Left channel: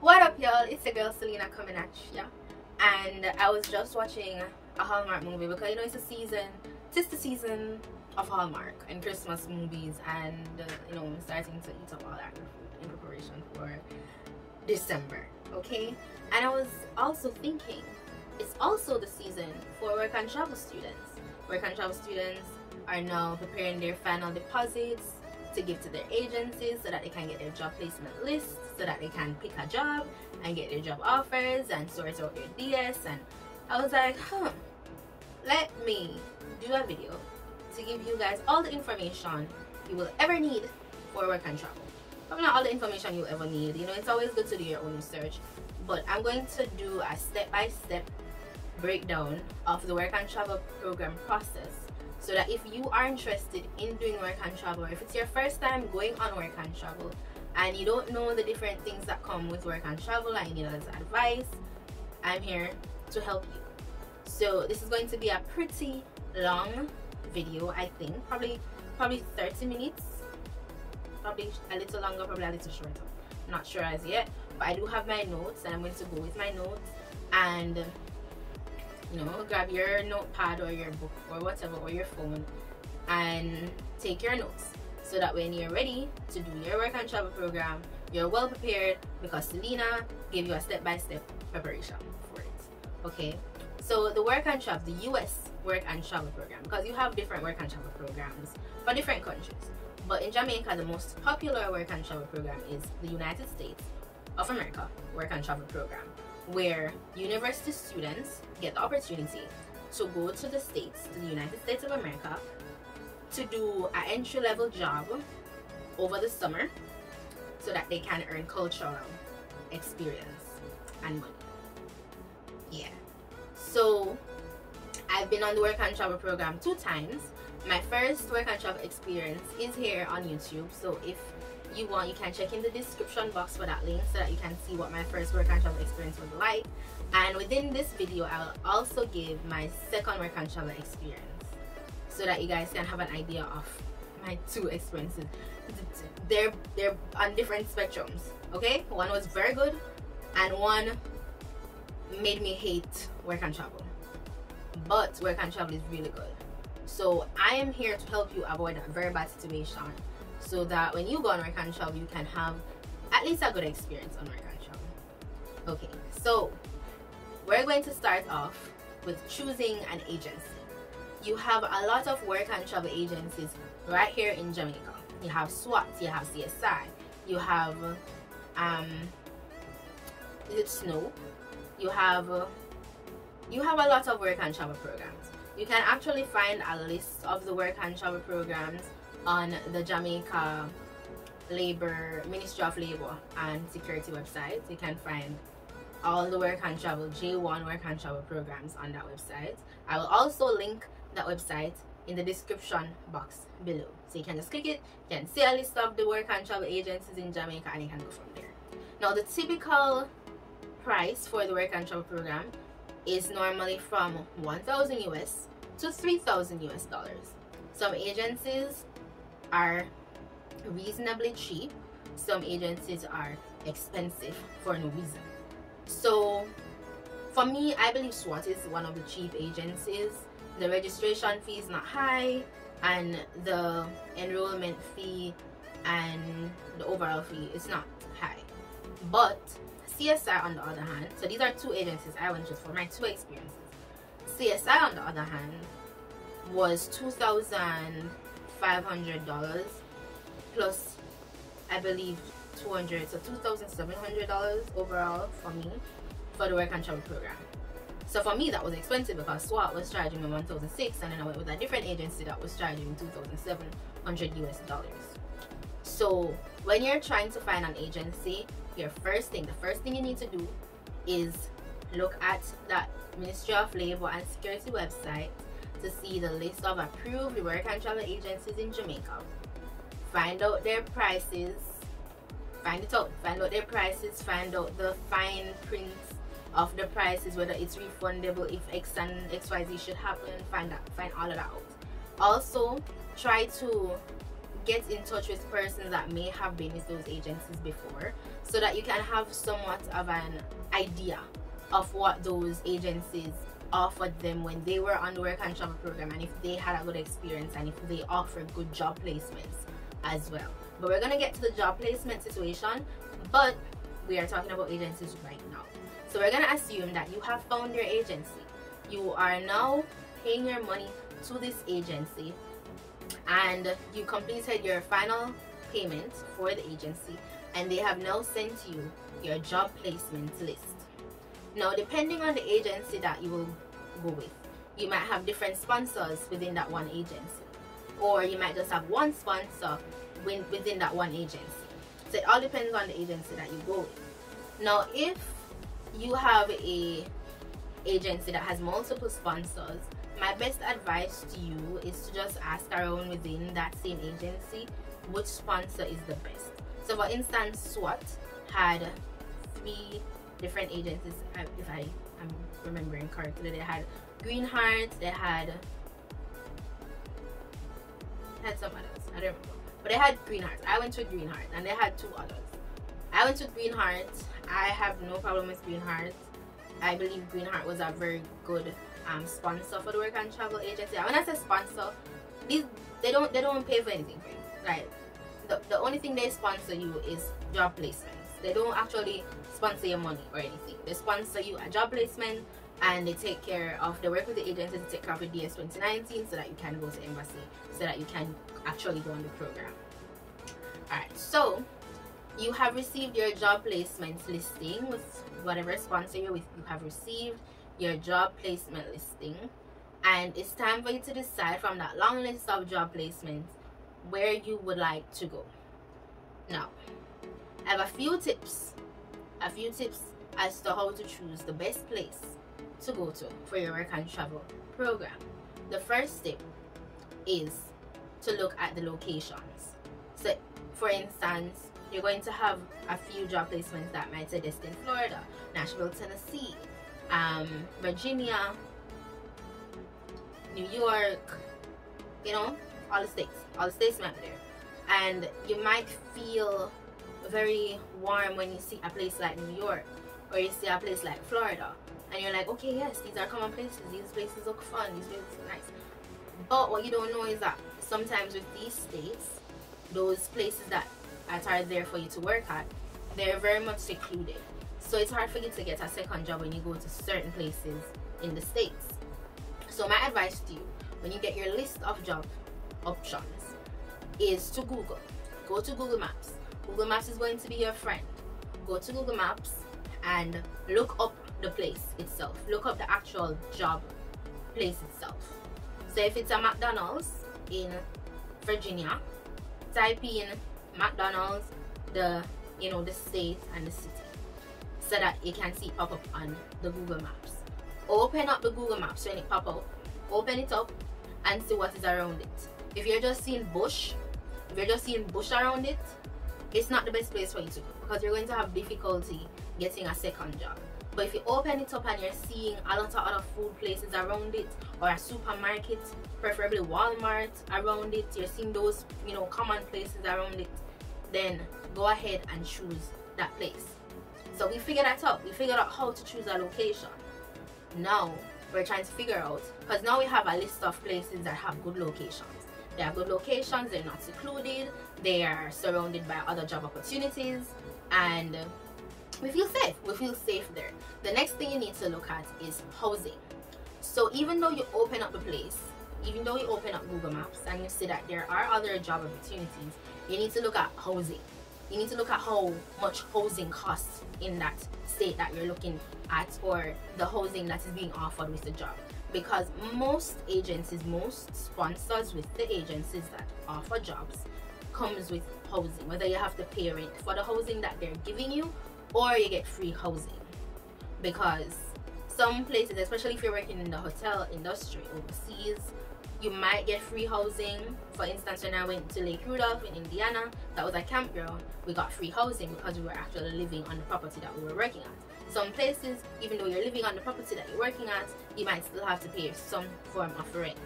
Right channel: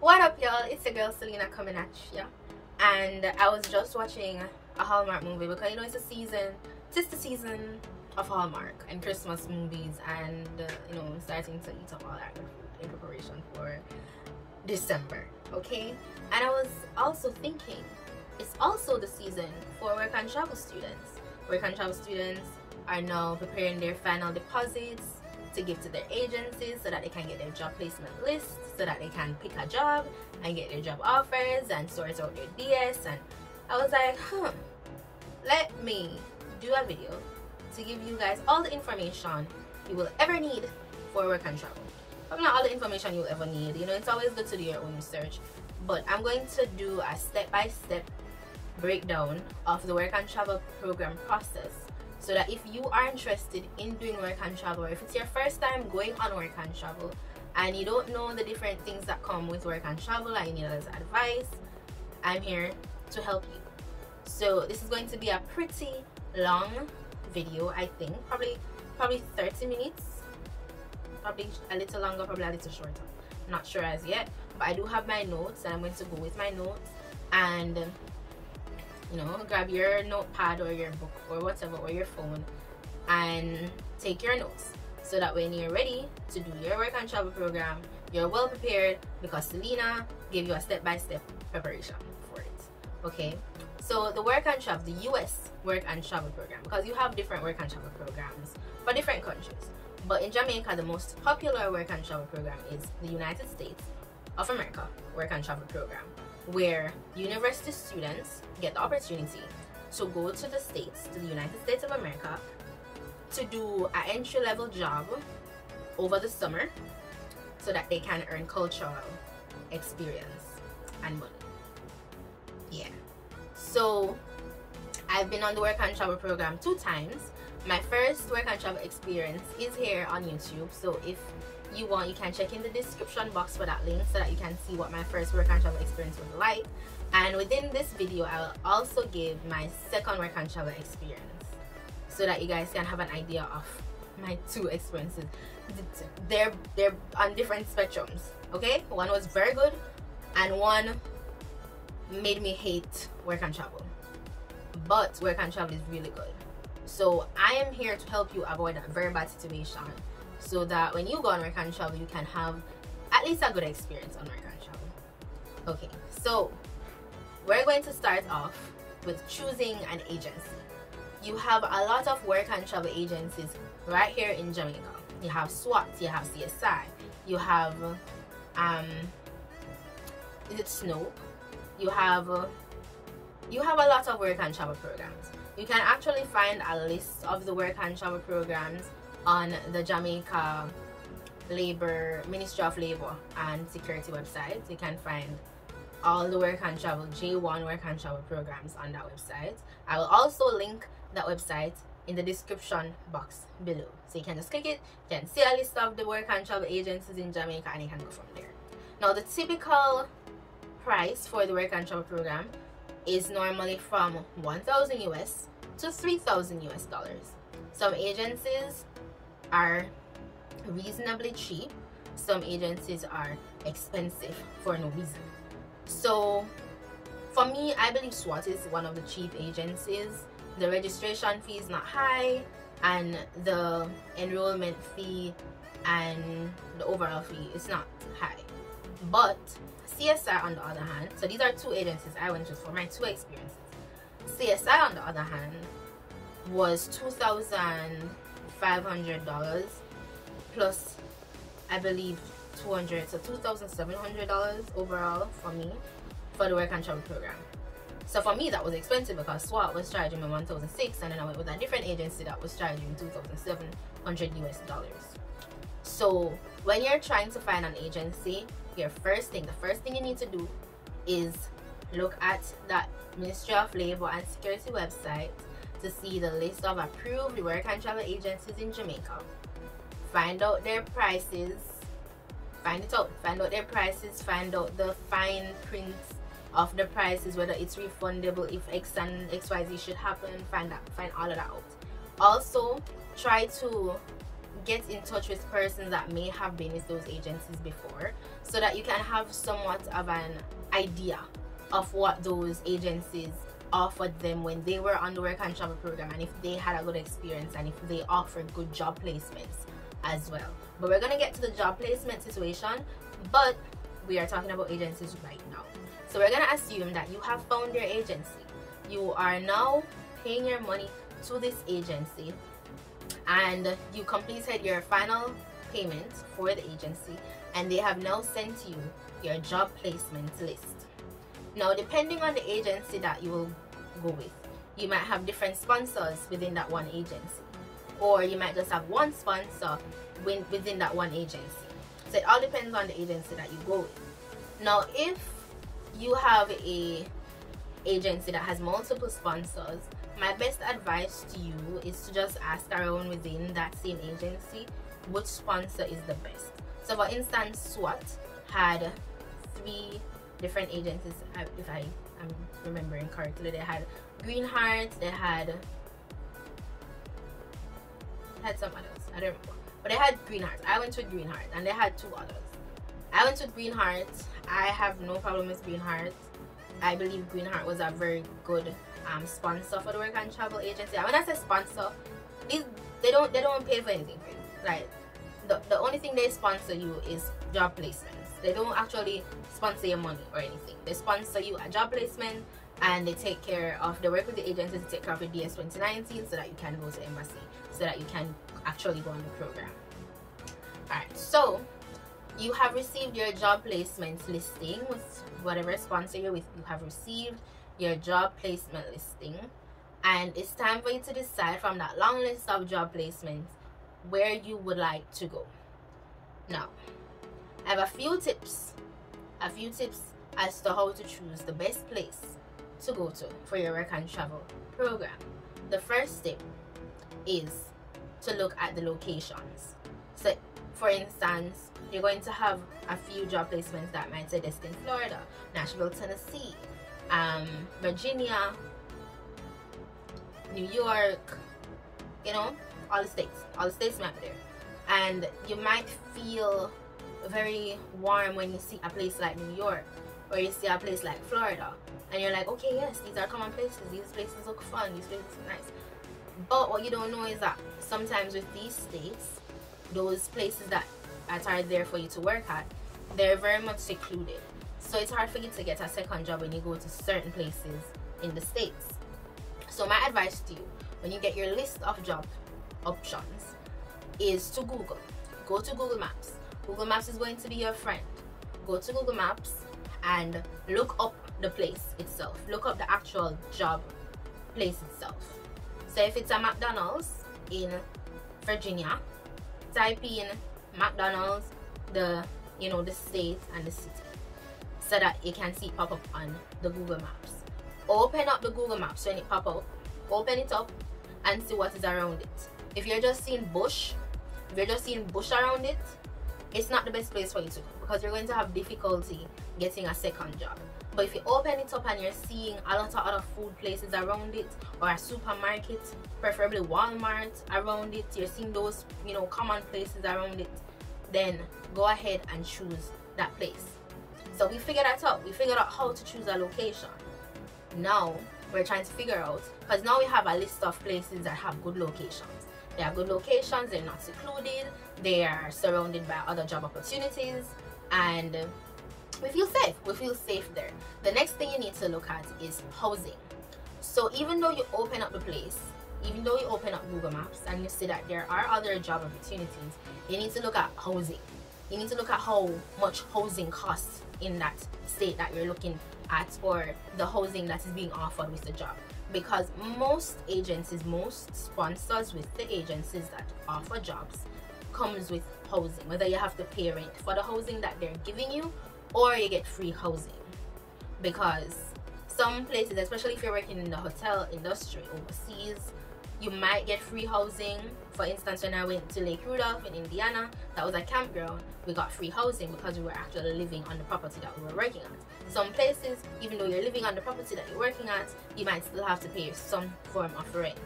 What up, y'all? It's your girl Selena coming at ya. And I was just watching a Hallmark movie because it's the season of Hallmark and Christmas movies, and I'm starting to eat up all that in preparation for December. Okay, and I was also thinking it's also the season for work and travel students. Work and travel students are now preparing their final deposits to give to their agencies so that they can get their job placement list, so that they can pick a job and get their job offers and sort out their DS. And I was like, let me do a video to give you guys all the information you will ever need for work and travel. Probably not all the information you'll ever need, it's always good to do your own research, but I'm going to do a step-by-step breakdown of the work and travel program process, so that if you are interested in doing work and travel, or if it's your first time going on work and travel and you don't know the different things that come with work and travel and you need a little advice, I'm here to help you. So this is going to be a pretty long video, I think, probably 30 minutes, probably a little longer, probably a little shorter, not sure as yet, but I do have my notes and I'm going to go with my notes. And grab your notepad or your book or whatever, or your phone, and take your notes, so that when you're ready to do your work and travel program, you're well prepared, because Selena gave you a step-by-step preparation for it. Okay, so the work and travel, the US work and travel program, because you have different work and travel programs for different countries, but in Jamaica the most popular work and travel program is the United States of America work and travel program, where university students get the opportunity to go to the States, to the United States of America, to do an entry-level job over the summer, so that they can earn cultural experience and money. Yeah, so I've been on the work and travel program 2 times. My first work and travel experience is here on YouTube, so if you want, you can check in the description box for that link, so that you can see what my first work and travel experience was like. And within this video I will also give my second work and travel experience, so that you guys can have an idea of my 2 experiences. They're on different spectrums, okay? One was very good and one made me hate work and travel, but work and travel is really good. So I am here to help you avoid that very bad situation, so that when you go on work and travel, you can have at least a good experience on work and travel. Okay, so we're going to start off with choosing an agency. You have a lot of work and travel agencies right here in Jamaica. You have SWAT, you have CSI, you have is it Snow? You have a lot of work and travel programs. You can actually find a list of the work and travel programs on the Jamaica Ministry of Labor and Security website. You can find all the work and travel, J1 work and travel programs on that website. I will also link that website in the description box below, so you can just click it, you can see a list of the work and travel agencies in Jamaica, and you can go from there. Now the typical price for the work and travel program is normally from 1,000 US to 3,000 US dollars. Some agencies are reasonably cheap, some agencies are expensive for no reason. So for me, I believe SWAT is one of the cheap agencies. The registration fee is not high, and the enrollment fee and the overall fee is not high. But CSI on the other hand, so these are 2 agencies I went with for my 2 experiences. CSI on the other hand was $2,500 plus I believe $200, so $2,700 overall for me for the work and travel program. So for me that was expensive, because SWAT was charging me $1,600, and then I went with a different agency that was charging $2,700 US dollars. So when you're trying to find an agency, the first thing you need to do is look at that Ministry of Labor and Security website to see the list of approved work and travel agencies in Jamaica. Find out their prices, find out their prices, find out the fine print of the prices, whether it's refundable, if X and XYZ should happen, find all of that out. Also, try to get in touch with persons that may have been with those agencies before, so that you can have somewhat of an idea of what those agencies offered them when they were on the work and travel program, and if they had a good experience and if they offered good job placements as well. But we're gonna get to the job placement situation, but we are talking about agencies right now. So we're gonna assume that you have found your agency. You are now paying your money to this agency, and you completed your final payment for the agency, and they have now sent you your job placement list. Now, depending on the agency that you will go with, you might have different sponsors within that one agency, or you might just have one sponsor within that one agency. So it all depends on the agency that you go with. Now, if you have a agency that has multiple sponsors, my best advice to you is to just ask around within that same agency which sponsor is the best. So for instance, SWAT had 3 different agencies, if I am remembering correctly. They had Green Heart, they had some others, I don't remember, but they had Green Heart. I went with Green Heart, and they had 2 others. I went with Green Heart. I have no problem with Green Heart. I believe Green Heart was a very good sponsor for the work and travel agency. And when I say sponsor, they don't pay for anything for you. Like the only thing they sponsor you is job placements. They don't actually sponsor your money or anything. They sponsor you a job placement, and they take care of the work with the agency to take care of your DS 2019 so that you can go to embassy, so that you can actually go on the program. Alright, so you have received your job placement listing with whatever sponsor you're with. You have received your job placement listing, and it's time for you to decide from that long list of job placements where you would like to go. Now, I have a few tips as to how to choose the best place to go to for your work and travel program. The first tip is to look at the locations. So for instance, you're going to have a few job placements that might say Destin, Florida, Nashville, Tennessee, Virginia, New York, you know, all the states might be there. And you might feel very warm when you see a place like New York, or you see a place like Florida, and you're like, okay, yes, these are common places, these places look fun, these places are nice. But what you don't know is that sometimes with these states, those places that are there for you to work at, they're very much secluded. So it's hard for you to get a second job when you go to certain places in the States. So my advice to you, when you get your list of job options, is to Google. Go to Google Maps. Google Maps is going to be your friend. Go to Google Maps and look up the place itself. Look up the actual job place itself. So if it's a McDonald's in Virginia, type in McDonald's, the state and the city, so that you can see it pop up on the Google Maps. Open up the Google Maps when it pop up. Open it up and see what is around it. If you're just seeing bush, around it, it's not the best place for you to go, because you're going to have difficulty getting a second job. But if you open it up and you're seeing a lot of other food places around it, or a supermarket, preferably Walmart around it, you're seeing those common places around it, then go ahead and choose that place. So we figured that out. We figured out how to choose a location. Now we're trying to figure out, because now we have a list of places that have good locations. They have good locations, they're not secluded, they are surrounded by other job opportunities, and we feel safe there. The next thing you need to look at is housing. So even though you open up the place, even though you open up Google Maps and you see that there are other job opportunities, you need to look at housing. You need to look at how much housing costs in that state that you're looking at, or the housing that is being offered with the job. Because most agencies, most sponsors with the agencies that offer jobs comes with housing, whether you have to pay rent for the housing that they're giving you, or you get free housing. Because some places, especially if you're working in the hotel industry overseas, you might get free housing. For instance, when I went to Lake Rudolph in Indiana, that was a campground, we got free housing because we were actually living on the property that we were working at. Some places, even though you're living on the property that you're working at, you might still have to pay some form of rent.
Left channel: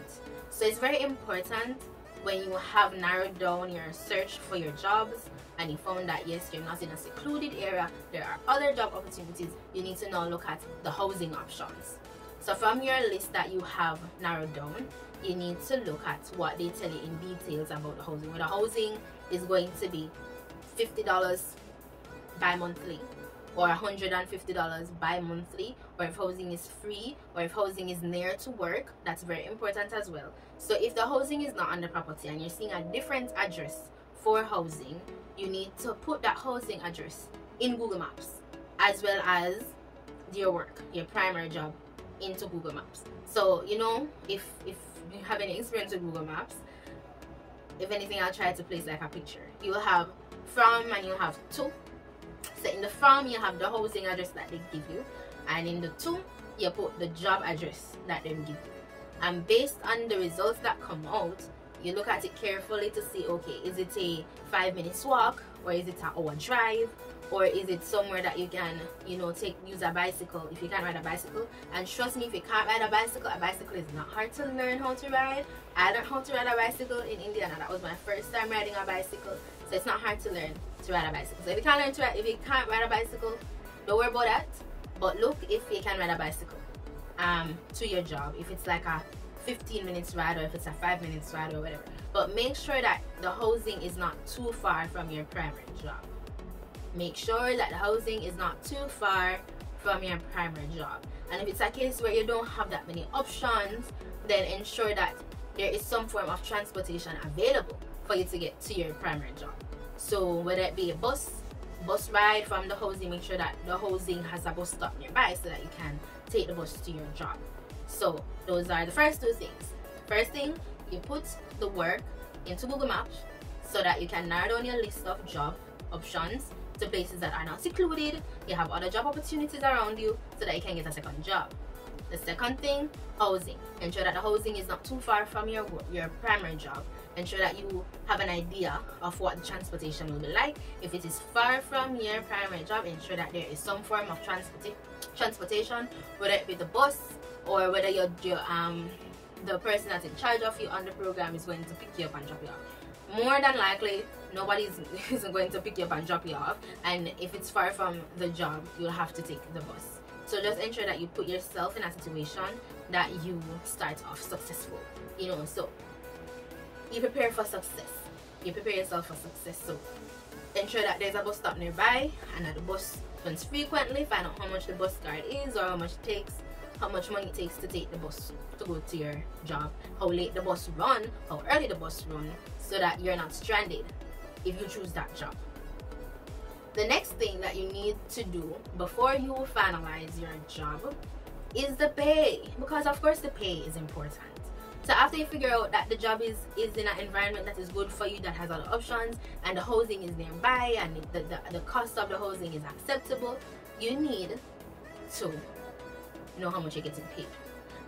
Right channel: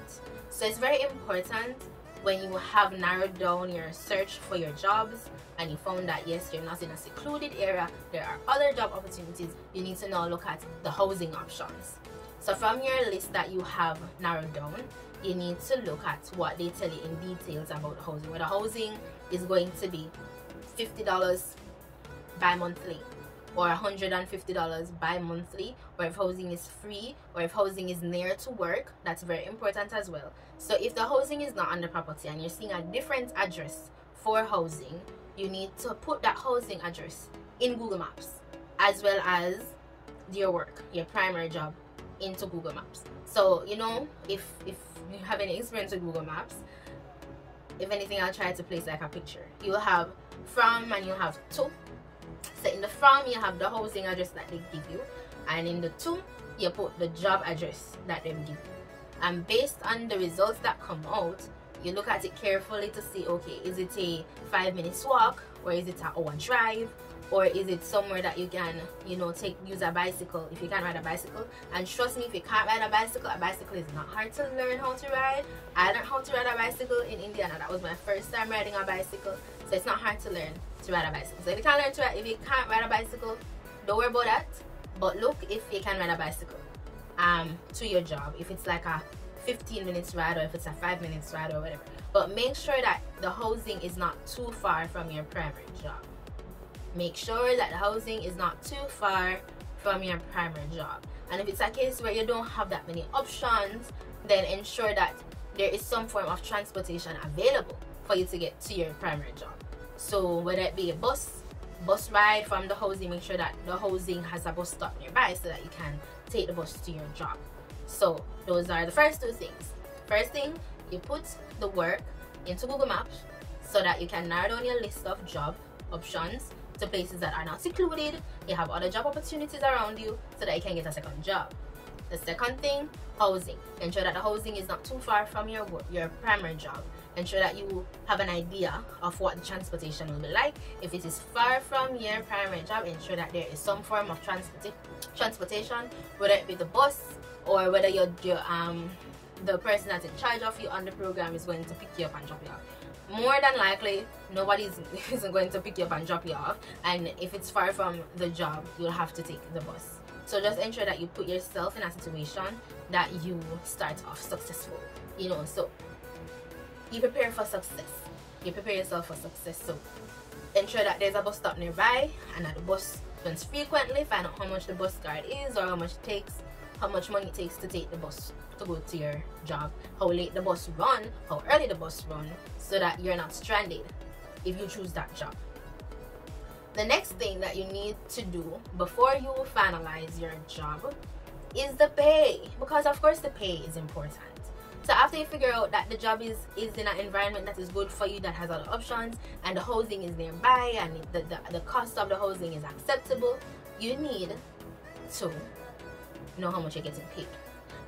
So it's very important when you have narrowed down your search for your jobs and you found that yes, you're not in a secluded area, there are other job opportunities, you need to now look at the housing options. So from your list that you have narrowed down, you need to look at what they tell you in details about the housing. Whether housing is going to be $50 bi-monthly or $150 bi-monthly, or if housing is free, or if housing is near to work. That's very important as well. So if the housing is not on the property and you're seeing a different address for housing, you need to put that housing address in Google Maps, as well as your work, your primary job, into Google Maps. So you know, if you have any experience with Google Maps, if anything, I'll try to place like a picture. You'll have from and you have to. So in the from, you have the housing address that they give you, and in the to, you put the job address that they give you. And based on the results that come out, you look at it carefully to see, okay, is it a 5 minutes walk, or is it an hour drive, or is it somewhere that you can, you know, use a bicycle if you can ride a bicycle. And trust me, if you can't ride a bicycle is not hard to learn how to ride. I learned how to ride a bicycle in Indiana. That was my first time riding a bicycle, so it's not hard to learn to ride a bicycle. So if you can't learn to ride, if you can't ride a bicycle, don't worry about that. But look if you can ride a bicycle to your job, if it's like a 15 minutes ride, or if it's a 5 minutes ride, or whatever. But make sure that the housing is not too far from your primary job. Make sure that the housing is not too far from your primary job. And if it's a case where you don't have that many options, then ensure that there is some form of transportation available for you to get to your primary job. So whether it be a bus ride from the housing, make sure that the housing has a bus stop nearby so that you can take the bus to your job. So those are the first two things. First thing, you put the work into Google Maps so that you can narrow down your list of job options to places that are not secluded. You have other job opportunities around you so that you can get a second job. The second thing, housing. Ensure that the housing is not too far from your primary job. Ensure that you have an idea of what the transportation will be like. If it is far from your primary job, ensure that there is some form of transportation, whether it be the bus, or whether the person that's in charge of you on the program is going to pick you up and drop you off. More than likely, nobody isn't going to pick you up and drop you off, and if it's far from the job, you'll have to take the bus. So just ensure that you put yourself in a situation that you start off successful, you know. So you prepare for success, you prepare yourself for success. So ensure that there's a bus stop nearby and that the bus runs frequently. Find out how much the bus card is, or how much it takes, how much money it takes to take the bus to go to your job, how late the bus run, how early the bus run, so that you're not stranded if you choose that job. The next thing that you need to do before you finalize your job is the pay, because of course the pay is important. So after you figure out that the job is in an environment that is good for you, that has other options, and the housing is nearby, and the cost of the housing is acceptable, you need to know how much you're getting paid.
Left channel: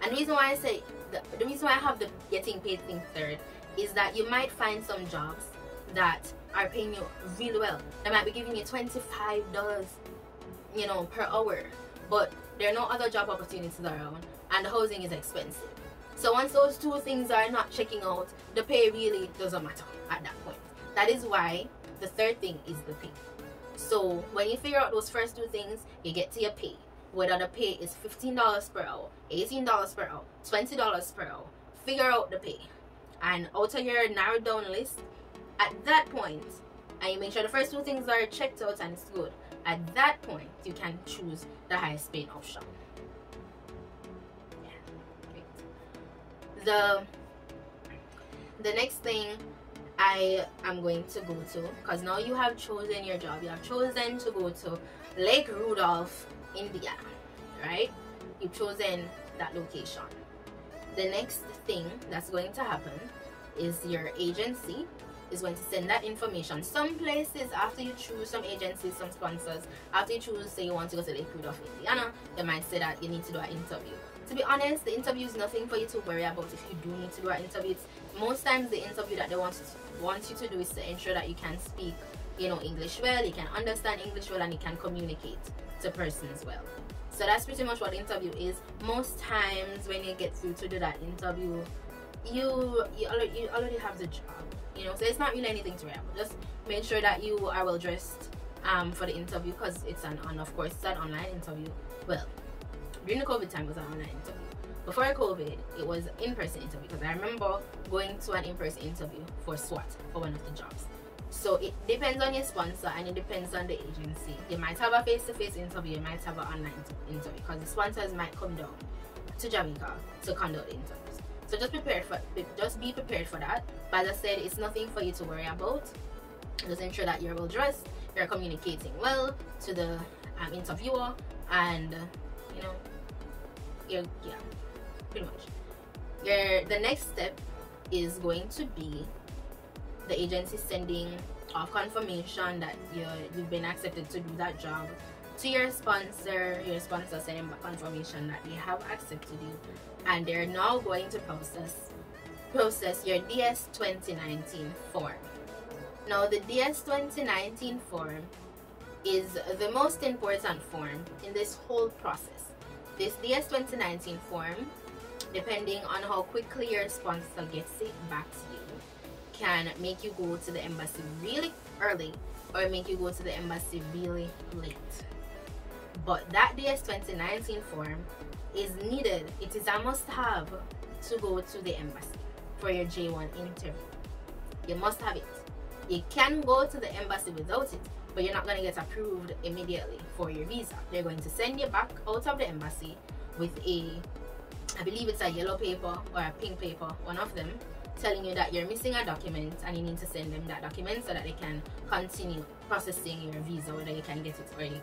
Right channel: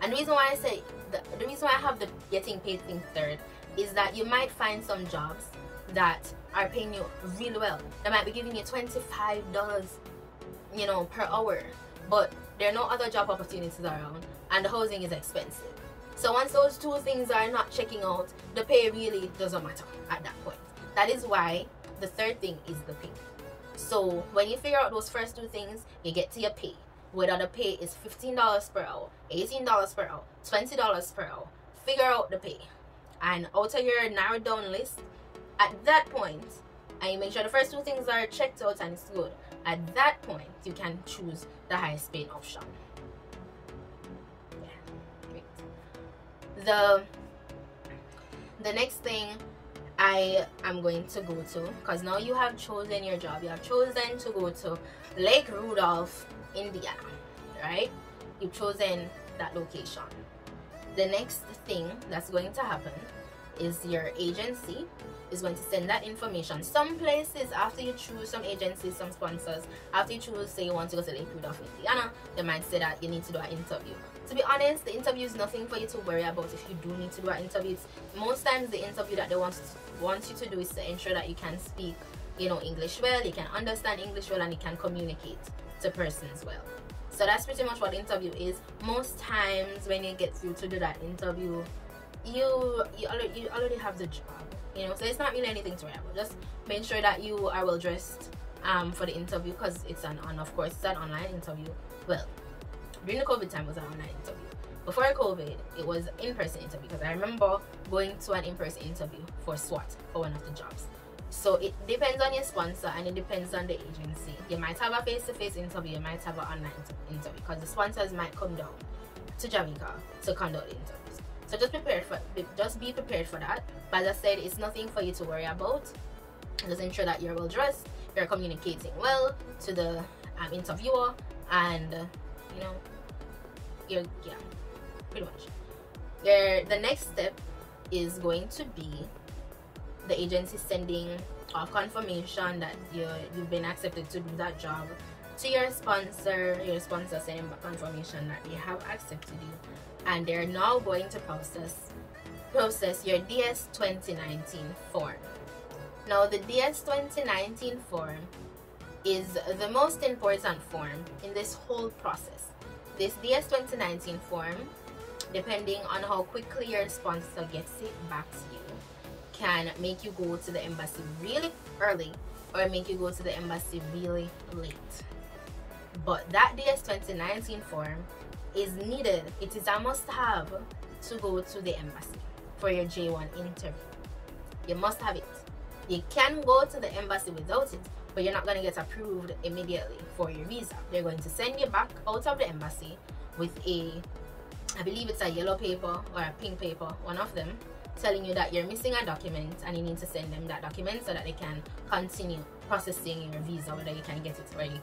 And the reason why I say the reason why I have the getting paid thing third is that you might find some jobs that are paying you really well. They might be giving you $25, you know, per hour, but there are no other job opportunities around, and the housing is expensive. So once those two things are not checking out, the pay really doesn't matter at that point. That is why the third thing is the pay. So when you figure out those first two things, you get to your pay. Whether the pay is $15 per hour, $18 per hour, $20 per hour, figure out the pay. And out of your narrowed down list, at that point, and you make sure the first two things are checked out and it's good, at that point you can choose the highest paying option. Yeah, great. The next thing I am going to go to, because now you have chosen your job, you have chosen to go to Lake Rudolph, Indiana, right? You've chosen that location. The next thing that's going to happen is your agency is going to send that information. Some places, after you choose some agencies, some sponsors, after you choose, say you want to go to Lake Rudolph, Indiana, they might say that you need to do an interview. To be honest, the interview is nothing for you to worry about if you do need to do an interview. Most times the interview that they want you to do is to ensure that you can speak, you know, English well, you can understand English well, and you can communicate to persons well. So that's pretty much what the interview is. Most times when you get through to do that interview, you already have the job, you know, so it's not really anything to worry about. Just make sure that you are well dressed for the interview, because it's of course it's an online interview. Well, during the COVID time it was an online interview. Before COVID, it was in-person interview, because I remember going to an in-person interview for SWAT, for one of the jobs. So it depends on your sponsor, and it depends on the agency. You might have a face-to-face interview, you might have an online interview, because the sponsors might come down to Jamaica to conduct the interviews. So just be prepared for that. But as I said, it's nothing for you to worry about. Just ensure that you're well dressed, you're communicating well to the interviewer, and you know, yeah, pretty much. The next step is going to be the agency sending a confirmation that you've been accepted to do that job to your sponsor sending back confirmation that they have accepted you, and they're now going to process your DS 2019 form. Now the DS 2019 form is the most important form in this whole process. This DS 2019 form, depending on how quickly your sponsor gets it back to you, can make you go to the embassy really early or make you go to the embassy really late. But that DS 2019 form is needed. It is a must-have to go to the embassy for your J1 interview. You must have it. You can go to the embassy without it, but you're not going to get approved immediately for your visa. They're going to send you back out of the embassy with I believe it's a yellow paper or a pink paper, one of them, telling you that you're missing a document, and you need to send them that document so that they can continue processing your visa, whether you can get it or you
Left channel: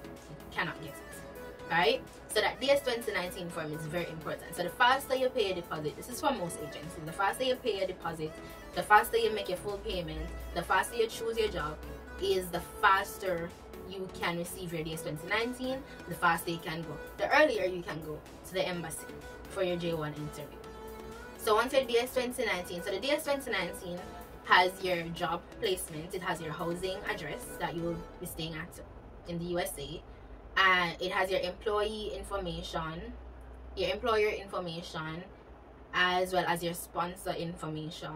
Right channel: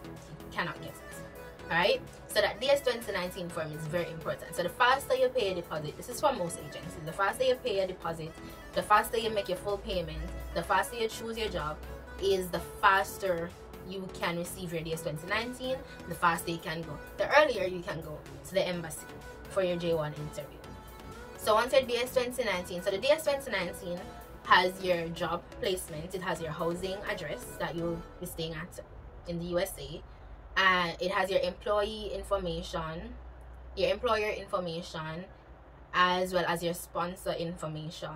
cannot get it. Alright, so that DS 2019 form is very important. So the faster you pay a deposit, this is for most agencies, the faster you pay a deposit, the faster you make your full payment, the faster you choose your job, is the faster you can receive your DS 2019, the faster you can go, the earlier you can go to the embassy for your J1 interview. So once your DS 2019, so the DS 2019 has your job placement, it has your housing address that you'll be staying at in the USA, and it has your employee information, your employer information, as well as your sponsor information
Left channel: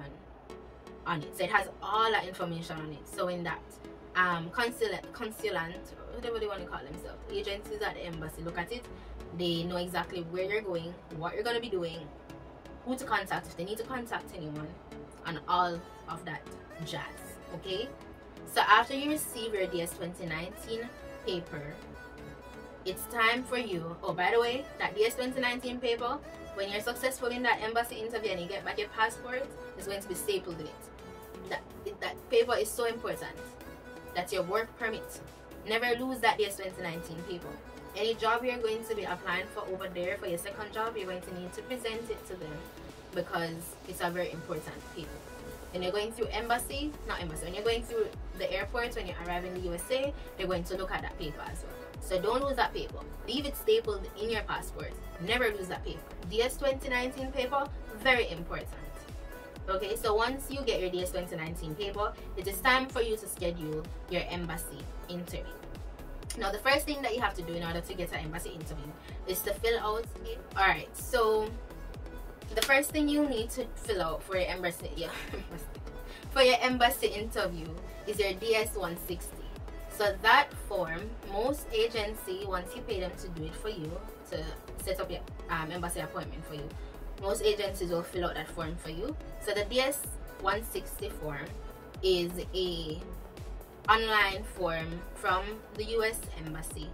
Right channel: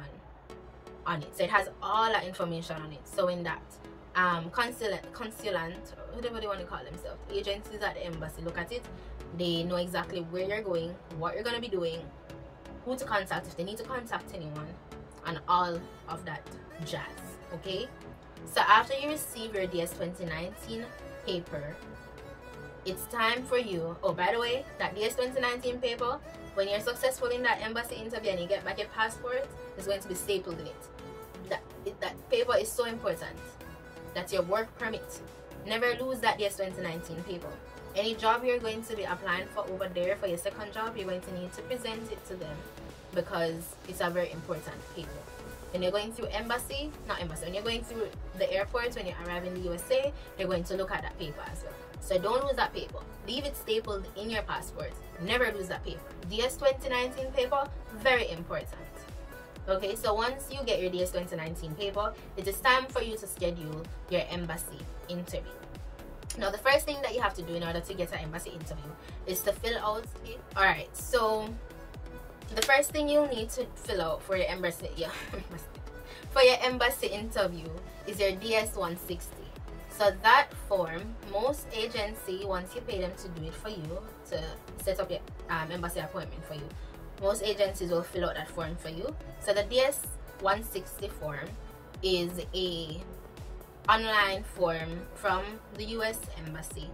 on it. So it has all that information on it. So in that consulant, whatever they want to call themselves, agencies at the embassy look at it, they know exactly where you're going, what you're going to be doing, who to contact if they need to contact anyone, and all of that jazz. Okay, so after you receive your DS 2019 paper, it's time for you, oh by the way, that DS 2019 paper, when you're successful in that embassy interview and you get back your passport, is going to be stapled in it. That paper is so important. That's your work permit. Never lose that DS 2019 paper. Any job you're going to be applying for over there for your second job, you're going to need to present it to them, because it's a very important paper. When you're going through when you're going through the airport, when you arrive in the USA, they're going to look at that paper as well. So don't lose that paper. Leave it stapled in your passport. Never lose that paper. DS 2019 paper, very important. Okay, so once you get your DS 2019 paper, it is time for you to schedule your embassy interview. Now the first thing that you have to do in order to get an embassy interview is to fill out it. Alright, so the first thing you'll need to fill out for your embassy interview is your DS 160. So that form, most agency, once you pay them to do it for you, to set up your embassy appointment for you, most agencies will fill out that form for you. So the DS 160 form is a online form from the US Embassy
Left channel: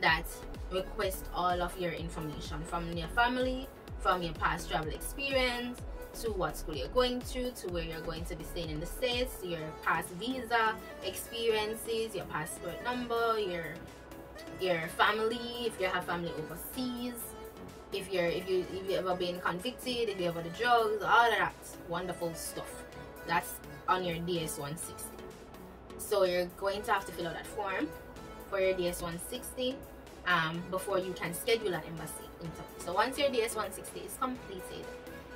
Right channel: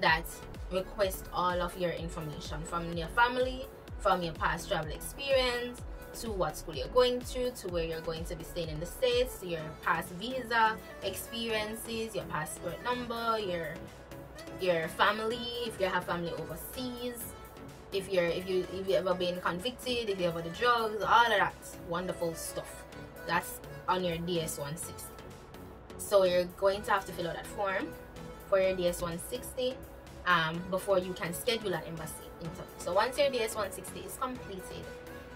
that requests all of your information, from your family, from your past travel experience, to what school you're going to where you're going to be staying in the States, your past visa experiences, your passport number, your family, if you have family overseas, if you've ever been convicted, if you ever the drugs, all of that wonderful stuff. That's on your DS 160. So you're going to have to fill out that form for your DS 160 before you can schedule an embassy interview. So once your DS 160 is completed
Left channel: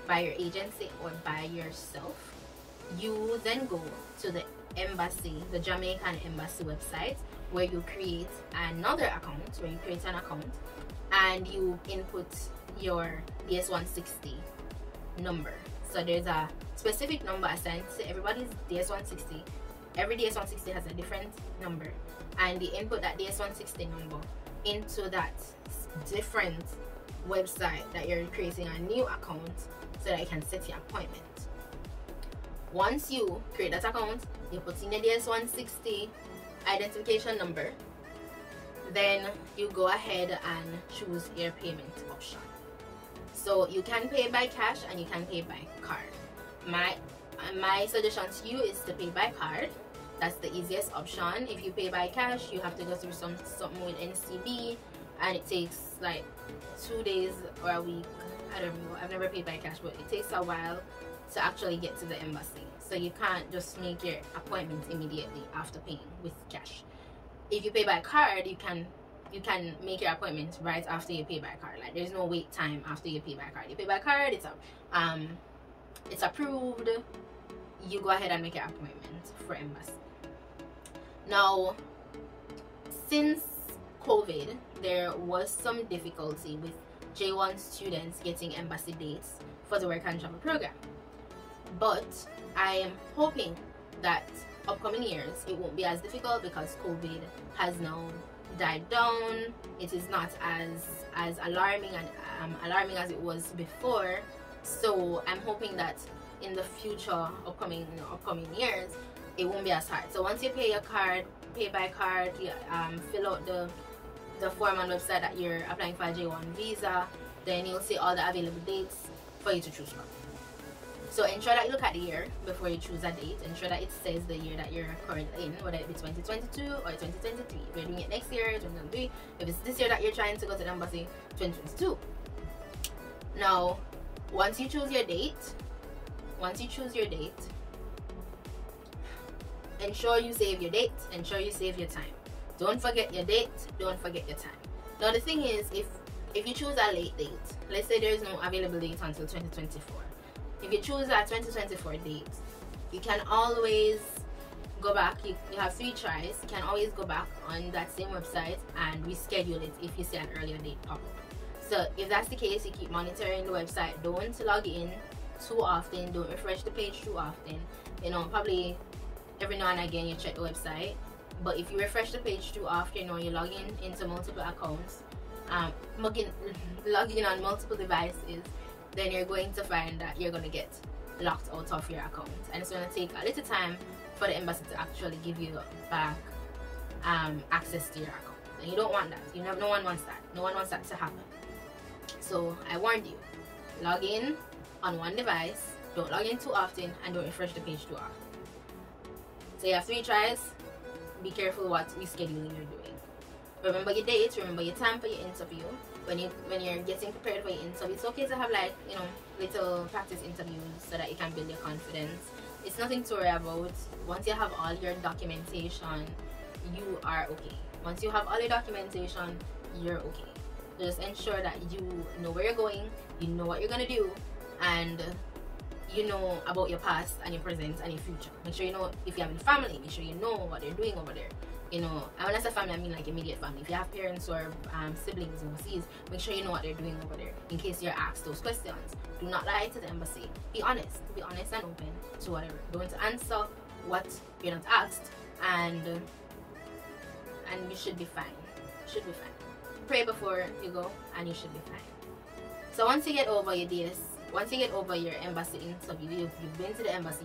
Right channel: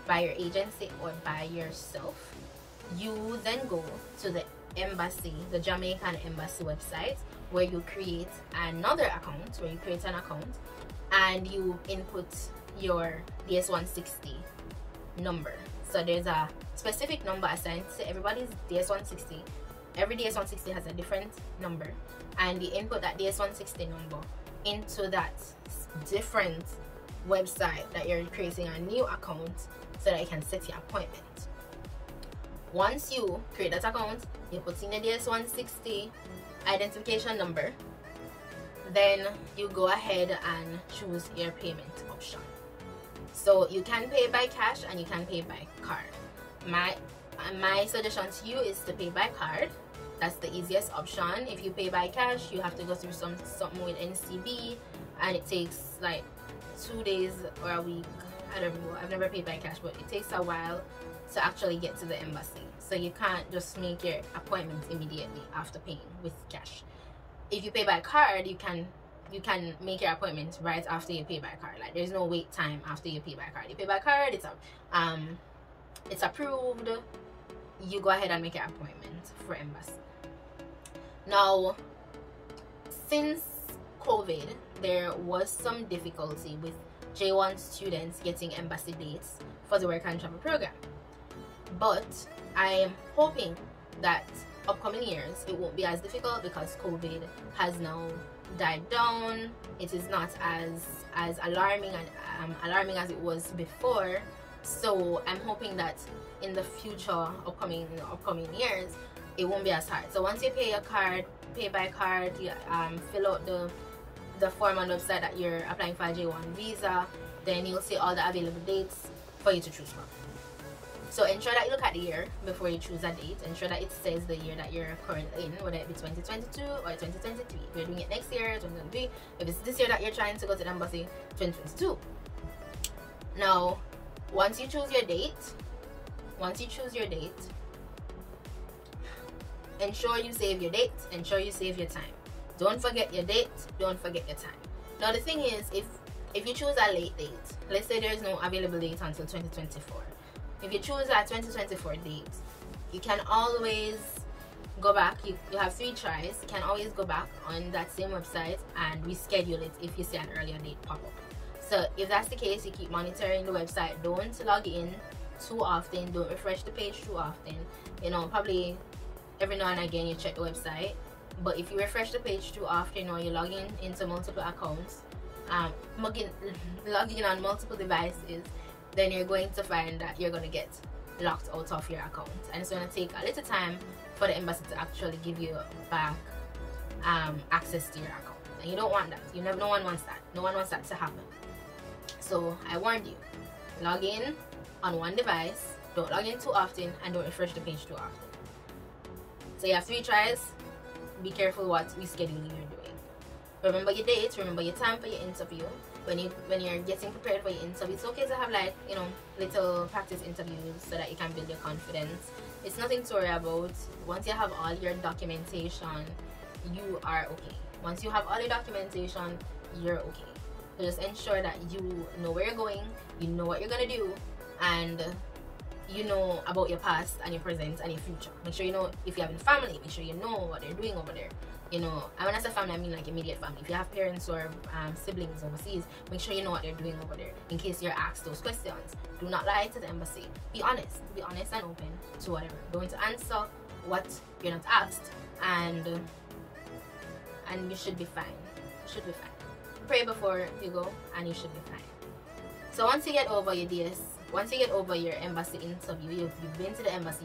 by your agency or by yourself, you then go to the embassy, the Jamaican embassy website, where you create another account, and you input your DS 160 number So there's a specific number assigned to everybody's DS160. Every DS160 has a different number, and you input that DS160 number into that different website that you're creating a new account so that you can set your appointment. Once you create that account, you put in the DS160 identification number, then you go ahead and choose your payment option. So you can pay by cash and you can pay by card. My suggestion to you is to pay by card. That's the easiest option. If you pay by cash, you have to go through something with NCB, and it takes like 2 days or a week. I don't know, I've never paid by cash, but it takes a while to actually get to the embassy. So you can't just make your appointment immediately after paying with cash. If you pay by card, you can make your appointment right after you pay by card. Like, there's no wait time after you pay by card. You pay by card, it's approved, you go ahead and make your appointment for embassy. Now, since COVID, there was some difficulty with J1 students getting embassy dates for the work and travel program, but I am hoping that upcoming years it won't be as difficult because COVID has now died down. It is not as alarming as it was before. So I'm hoping that in the future, upcoming years, it won't be as hard. So once you pay by card, you fill out the form on the website that you're applying for a J1 visa, then you'll see all the available dates for you to choose from. So ensure that you look at the year before you choose a date. Ensure that it says the year that you're currently in, whether it be 2022 or 2023. If you're doing it next year, 2023. If it's this year that you're trying to go to the embassy, 2022. Now, once you choose your date, ensure you save your date, ensure you save your time. Don't forget your date, don't forget your time. Now the thing is, if you choose a late date, let's say there is no available date until 2024. If you choose a 2024 date, you can always go back. You have 3 tries. You can always go back on that same website and reschedule it if you see an earlier date pop up. So if that's the case, you keep monitoring the website. Don't log in too often. Don't refresh the page too often. You know, probably every now and again you check the website. But if you refresh the page too often, or you log in into multiple accounts, logging on multiple devices, then you're going to find that you're going to get locked out of your account, and it's going to take a little time for the embassy to actually give you back access to your account, and you don't want that. No one wants that. No one wants that to happen. So I warned you, log in on one device, don't log in too often, and don't refresh the page too often. So you have 3 tries. Be careful what rescheduling you're doing. Remember your dates, remember your time for your interview. When you're getting prepared for your interview, it's okay to have, like, you know, little practice interviews so that you can build your confidence. It's nothing to worry about. Once you have all your documentation, you are okay. Once you have all your documentation, you're okay. So just ensure that you know where you're going, you know what you're gonna do, and you know about your past and your present and your future. Make sure you know if you have a family, make sure you know what they're doing over there. You know, and when I say family, I mean like immediate family. If you have parents or siblings overseas, make sure you know what they're doing over there in case you're asked those questions. Do not lie to the embassy. Be honest and open to whatever. Don't answer what you're not asked, and you should be fine. You should be fine. Pray before you go, and you should be fine. So once you get over your DS, once you get over your embassy interview, you've been to the embassy,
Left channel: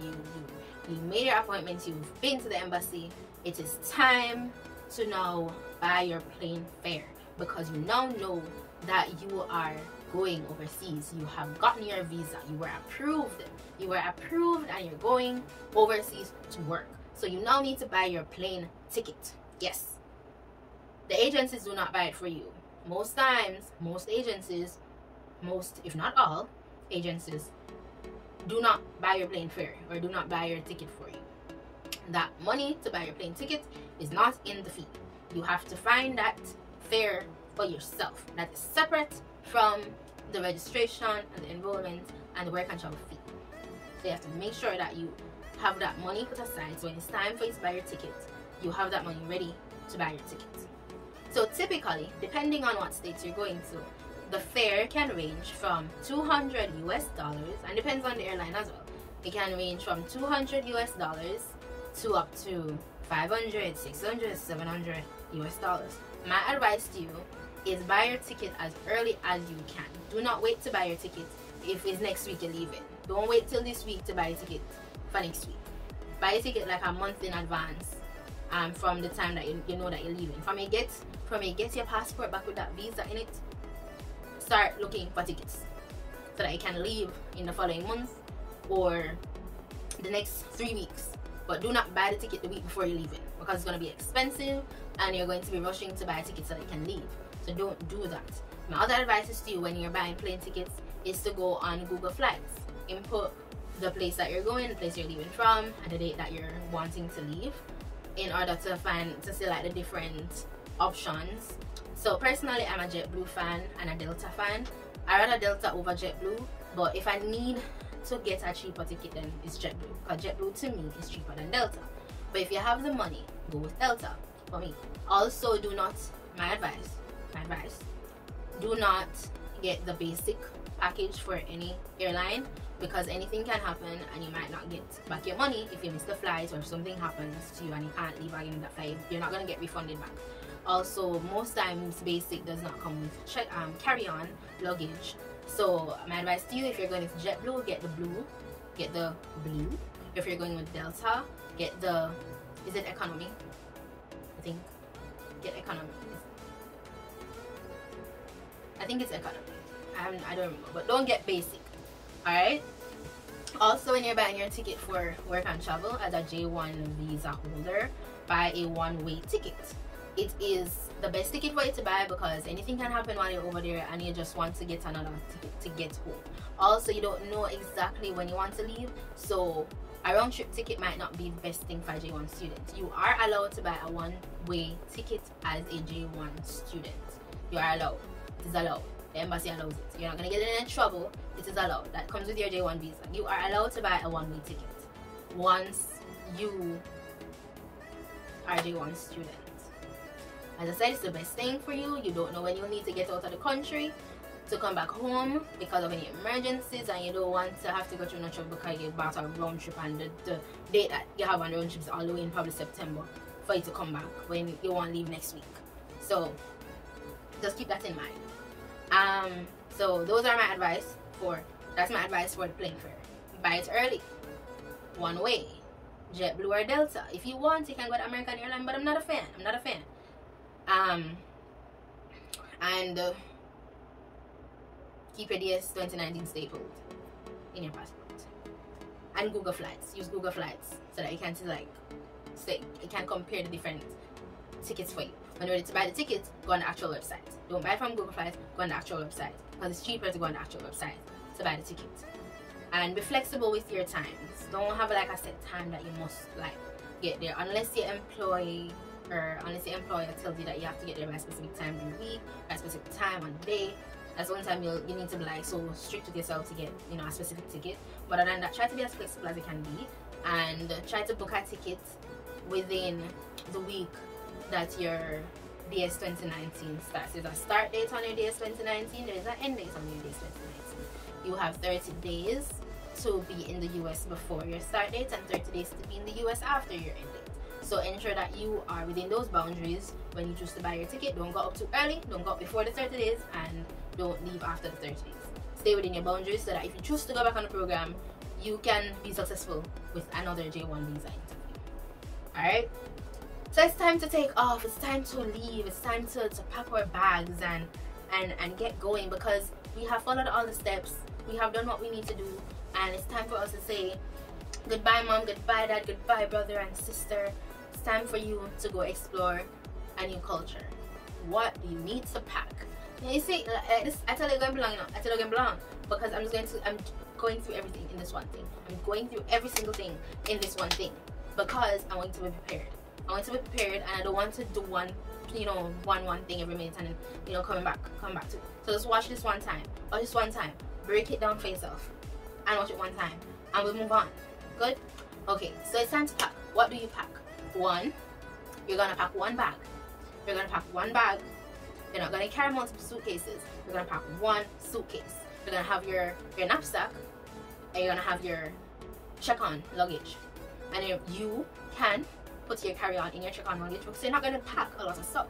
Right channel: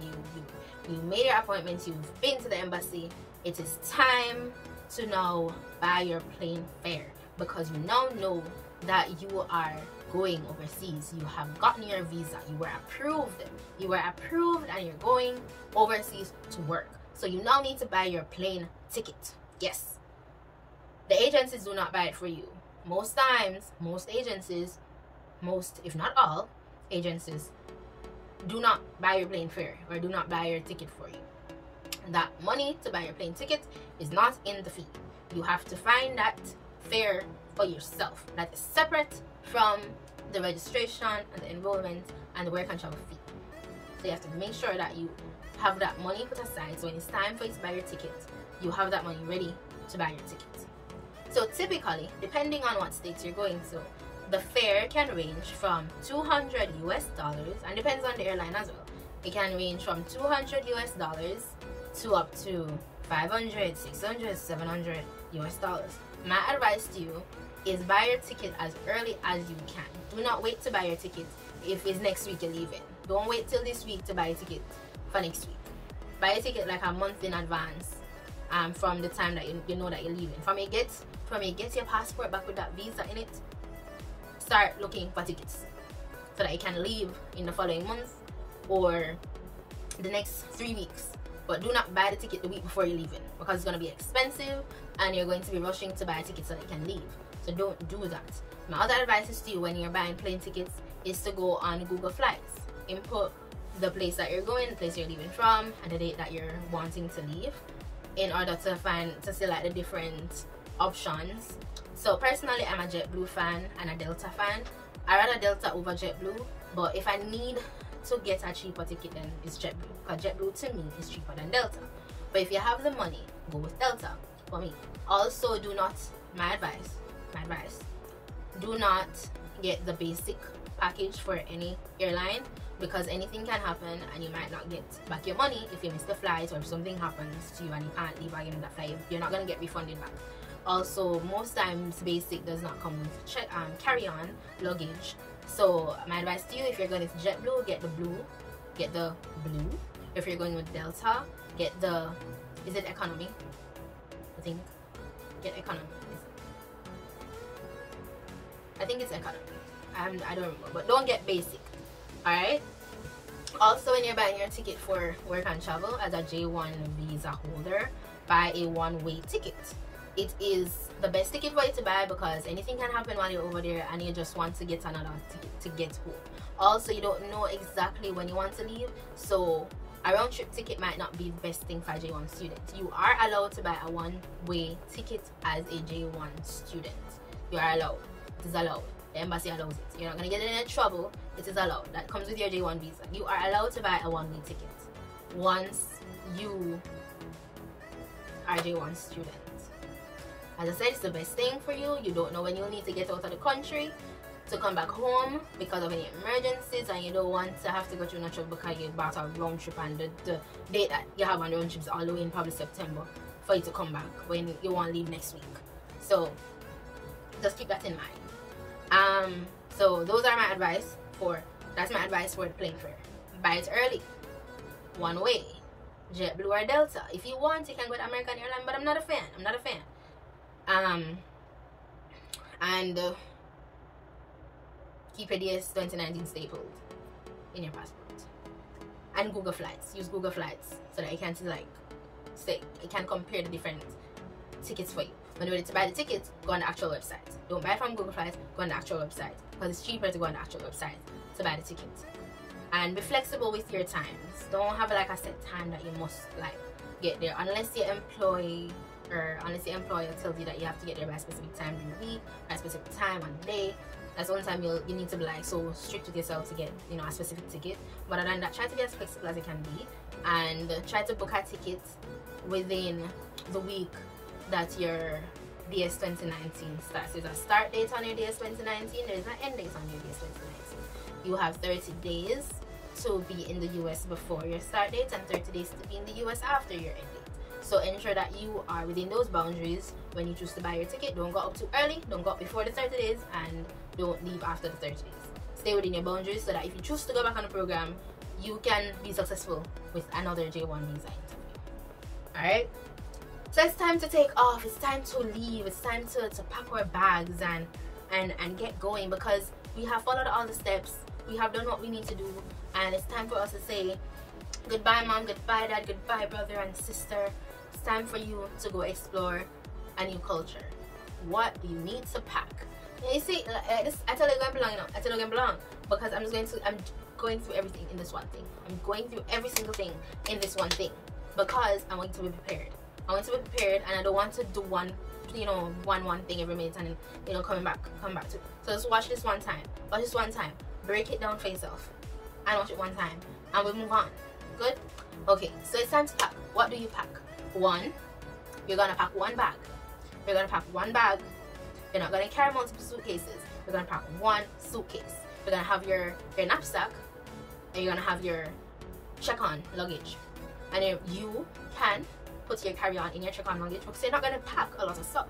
you made your appointment, you've been to the embassy, it is time to now buy your plane fare, because you now know that you are going overseas. You have gotten your visa, you were approved and you're going overseas to work. So you now need to buy your plane ticket. Yes, the agencies do not buy it for you. Most times, most agencies, if not all agencies, do not buy your plane fare or do not buy your ticket for you. That money to buy your plane ticket is not in the fee. You have to find that fare for yourself. That is separate from the registration and the enrollment and the work and travel fee. So you have to make sure that you have that money put aside, so when it's time for you to buy your ticket, you have that money ready to buy your ticket. So typically, depending on what states you're going to, the fare can range from $200 and depends on the airline as well. It can range from $200 to up to 500, 600, 700 US dollars. My advice to you is buy your ticket as early as you can. Do not wait to buy your ticket if it's next week you're leaving. Don't wait till this week to buy a ticket for next week. Buy a ticket like a month in advance from the time that you know that you're leaving. From you get your passport back with that visa in it, start looking for tickets so that you can leave in the following month or the next 3 weeks. But do not buy the ticket the week before you're leaving, because it's going to be expensive and you're going to be rushing to buy a ticket so that you can leave. So don't do that. My other advice is to you when you're buying plane tickets is to go on Google Flights. Input the place that you're going, the place you're leaving from, and the date that you're wanting to leave, in order to select the different options. So personally, I'm a JetBlue fan and a Delta fan. I rather Delta over JetBlue, but if I need to get a cheaper ticket, then it's JetBlue, because JetBlue to me is cheaper than Delta. But if you have the money, go with Delta for me. Also, my advice, do not get the basic package for any airline, because anything can happen and you might not get back your money if you miss the flight, or if something happens to you and you can't leave again that flight, you're not going to get refunded back. Also, most times basic does not come with carry-on luggage. So my advice to you, if you're going to JetBlue, get the blue. If you're going with Delta, get the, is it economy? I think, get economy. I think it's economy. I don't remember, but don't get basic. Alright? Also, when you're buying your ticket for work and travel as a J1 visa holder, buy a one-way ticket. It is the best ticket for you to buy, because anything can happen while you're over there and you just want to get another ticket to get home. Also, you don't know exactly when you want to leave, so a round-trip ticket might not be the best thing for a J1 student. You are allowed to buy a one-way ticket as a J1 student. You are allowed. It is allowed. The embassy allows it. You're not going to get in any trouble. It is allowed. That comes with your J1 visa. You are allowed to buy a one-way ticket once you are a J1 student. As I said, it's the best thing for you. You don't know when you'll need to get out of the country to come back home because of any emergencies, and you don't want to have to go through no trouble because you bought a round trip and the date that you have on the round trip is all the way in probably September for you to come back when you want to leave next week. So just keep that in mind. So those are my advice that's my advice for the plane fare. Buy it early, one way, JetBlue or Delta. If you want, you can go to American Airlines, but I'm not a fan. And keep your DS 2019 stapled in your passport. And Google Flights. Use Google Flights so that you can you can compare the different tickets for you. When you're ready to buy the tickets, go on the actual website. Don't buy it from Google Flights, go on the actual website, because it's cheaper to go on the actual website to buy the ticket. And be flexible with your times. Don't have like a set time that you must like get there, unless your employer tells you that you have to get there by a specific time during the week, by a specific time on the day. That's one time you need to be like so strict with yourself to get, you know, a specific ticket. But other than that, try to be as flexible as you can be, and try to book a ticket within the week that your DS 2019 starts. There's a start date on your DS 2019, there's an end date on your DS 2019. You have 30 days to be in the US before your start date and 30 days to be in the US after your end date. So ensure that you are within those boundaries when you choose to buy your ticket. Don't go up too early, don't go up before the 30 days, and don't leave after the 30 days. Stay within your boundaries so that if you choose to go back on the program, you can be successful with another J1 visa interview. Alright? So it's time to take off, it's time to leave, it's time to pack our bags and get going, because we have followed all the steps, we have done what we need to do, and it's time for us to say goodbye mom, goodbye dad, goodbye brother and sister. It's time for you to go explore a new culture. What do you need to pack? You see, this, I tell you going belong, I tell you going belong, because I'm going through everything in this one thing. I'm going through every single thing in this one thing, because I want to be prepared. I want to be prepared, and I don't want to do one thing every minute and then, come back to it. So just watch this one time, break it down for yourself, and watch it one time, and we'll move on. Good? Okay, so it's time to pack. What do you pack? One, you're gonna pack one bag. You're You're not going to carry multiple suitcases. You're going to pack one suitcase. You're going to have your knapsack, and you're going to have your check-on luggage. And then you can put your carry-on in your check-on luggage because you're not going to pack a lot of stuff.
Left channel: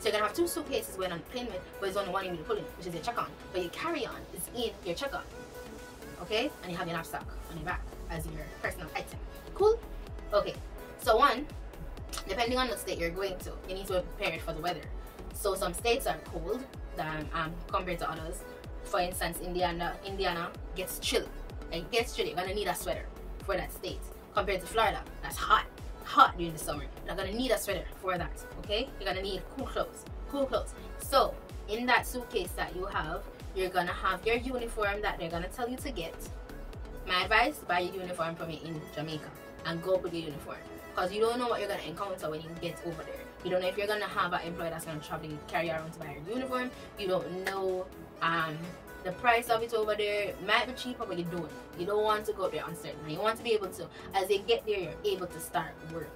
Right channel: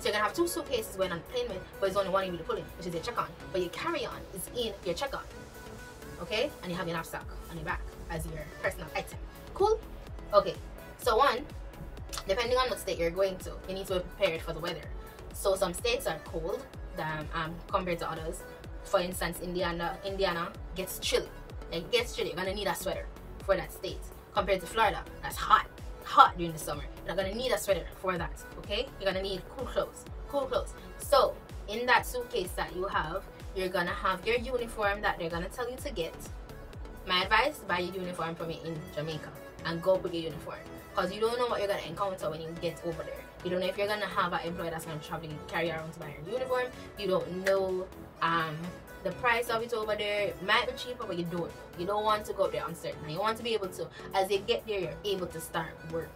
So you're going to have 2 suitcases going on the plane with, but there's only one you need to pull in, which is your check-on. But your carry-on is in your check-on. Okay? And you have your knapsack on your back as your personal item. Cool? Okay. So one, depending on what state you're going to, you need to be prepared for the weather. So some states are cold compared to others. For instance, Indiana gets chilly. It gets chilly. You're going to need a sweater for that state. Compared to Florida, that's hot during the summer. You're not gonna need a sweater for that, okay? You're gonna need cool clothes. So in that suitcase that you have, you're gonna have your uniform that they're gonna tell you to get. My advice, buy your uniform from me in Jamaica and go with your uniform, because you don't know what you're gonna encounter when you get over there. You don't know if you're gonna have an employee that's gonna travel and carry around to buy your uniform. You don't know the price of it over there. It might be cheaper, but you don't want to go there uncertain. And you want to be able to, as you get there, you're able to start working.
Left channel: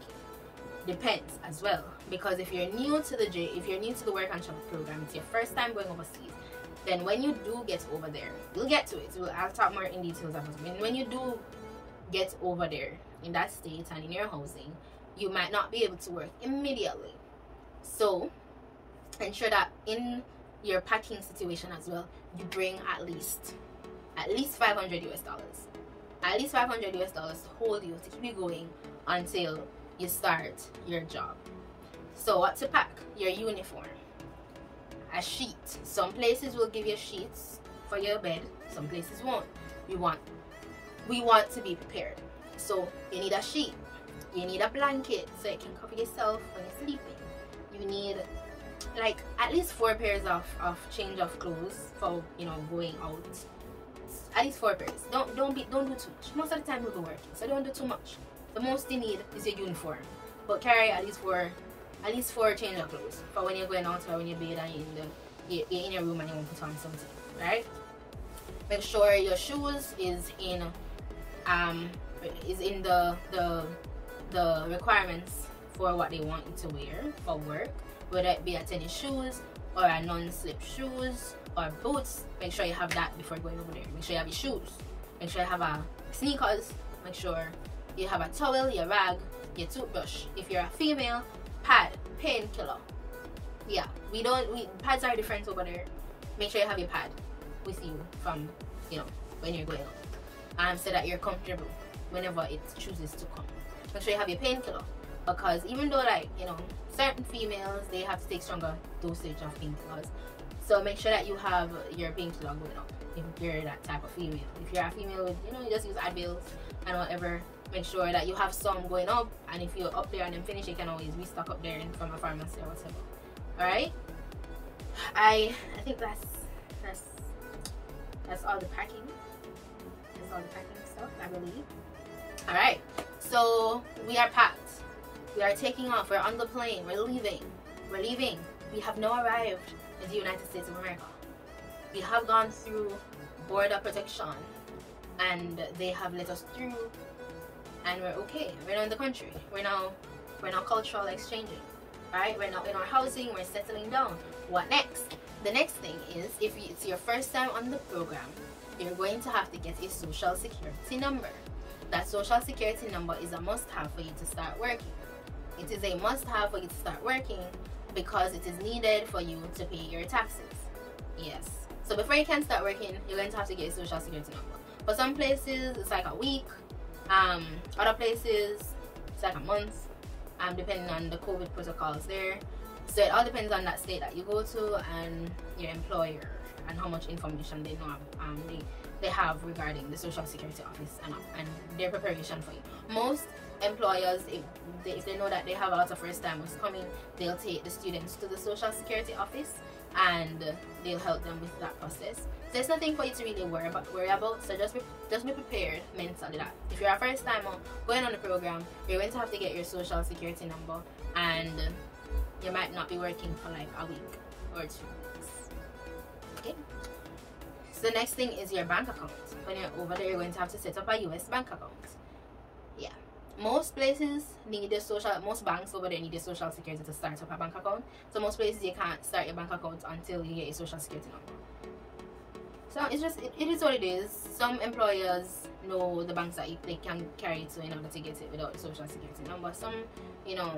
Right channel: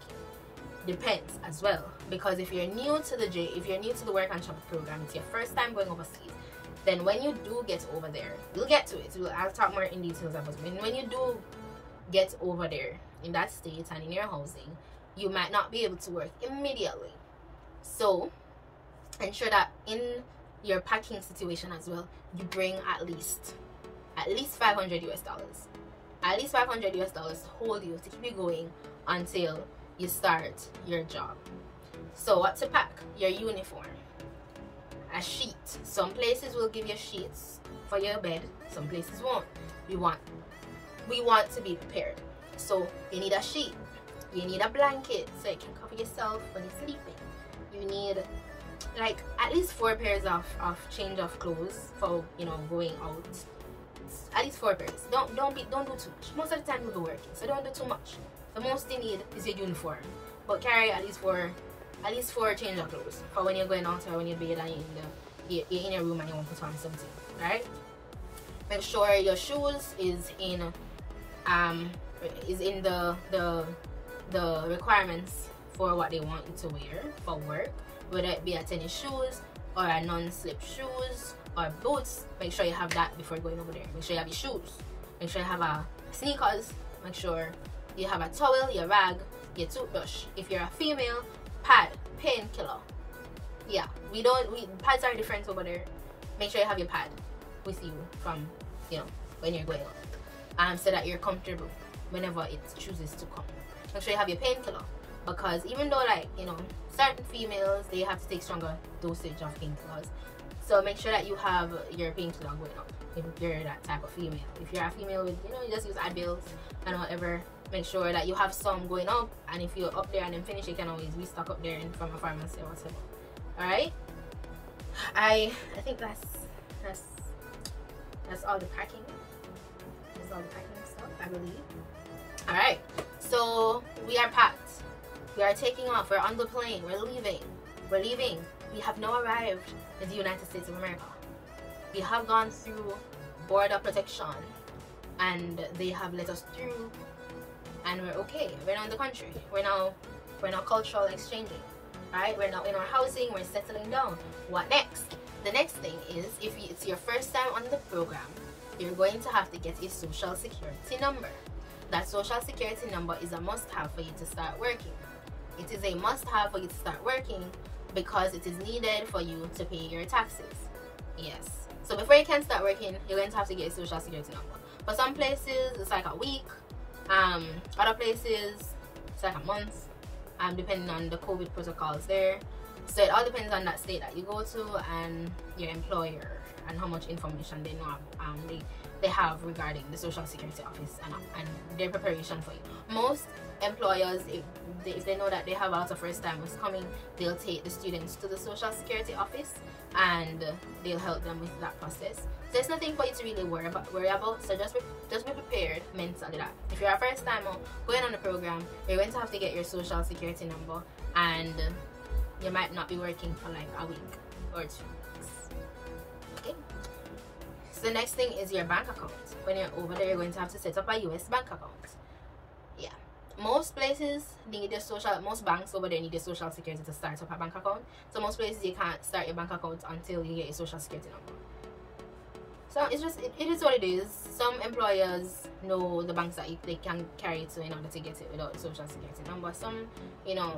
Depends as well, because if you're new to the work and travel program, it's your first time going overseas, then when you do get over there, you'll get to it. I'll talk more in details about it. When you do get over there in that state and in your housing, you might not be able to work immediately. So ensure that in your packing situation as well, you bring at least $500 US. At least $500 US to hold you, to keep you going until you start your job. So what to pack? Your uniform, a sheet. Some places will give you sheets for your bed, some places won't. We want to be prepared. So you need a sheet, you need a blanket so you can cover yourself when you're sleeping. You need like at least 4 pairs of change of clothes for, you know, going out. At least 4 pairs. Don't do too much. Most of the time you'll be working, so don't do too much. The most you need is your uniform, but carry at least four change of clothes for when you're going out or when you're bed and you're in your room and you want to put on something, right? Make sure your shoes is in the requirements for what they want you to wear for work, whether it be a tennis shoes or a non-slip shoes or boots. Make sure you have that before going over there. Make sure you have your shoes, make sure you have a sneakers, make sure you have a towel, your rag, your toothbrush. If you're a female, pad, painkiller. Yeah, pads are different over there. Make sure you have your pad with you from, you know, when you're going out, so that you're comfortable whenever it chooses to come. Make sure you have your painkiller, because even though, like, you know, certain females, they have to take stronger dosage of painkillers, so make sure that you have your painkiller going up if you're that type of female. If you're a female with, you know, you just use Advils and whatever, make sure that you have some going up, and if you're up there and then finish, you can always restock up there from a pharmacy or whatever. All right, I think that's all the packing. That's all the packing stuff, I believe. All right, so we are packed. We are taking off. We're on the plane. We're leaving. We have now arrived in the United States of America. We have gone through border protection, and they have let us through, and we're okay. We're now in the country. We're now cultural exchanging. Right? We're now in our housing. We're settling down. What next? The next thing is, if it's your first time on the program, you're going to have to get a social security number. That social security number is a must-have for you to start working. It is a must-have for you to start working because it is needed for you to pay your taxes. Yes. So before you can start working, you're going to have to get a social security number. For some places, it's like a week. Other places, it's like a month. Depending on the COVID protocols there. So it all depends on that state that you go to and your employer and how much information they know they have regarding the Social Security Office and their preparation for you. Most employers, if they know that they have a lot of first timers coming, they'll take the students to the Social Security Office and they'll help them with that process. So there's nothing for you to really worry about. So just be prepared mentally that if you're a first timer going on the program, you're going to have to get your Social Security number, and you might not be working for like a week or 2 weeks. Okay. So the next thing is your bank account. When you're over there, you're going to have to set up a US bank account. Yeah. most places need most banks over there need a social security to start up a bank account. So most places you can't start your bank account until you get a social security number. So it's just it is what it is. Some employers know the banks that they can carry it to in order to get it without a social security number. Some, you know,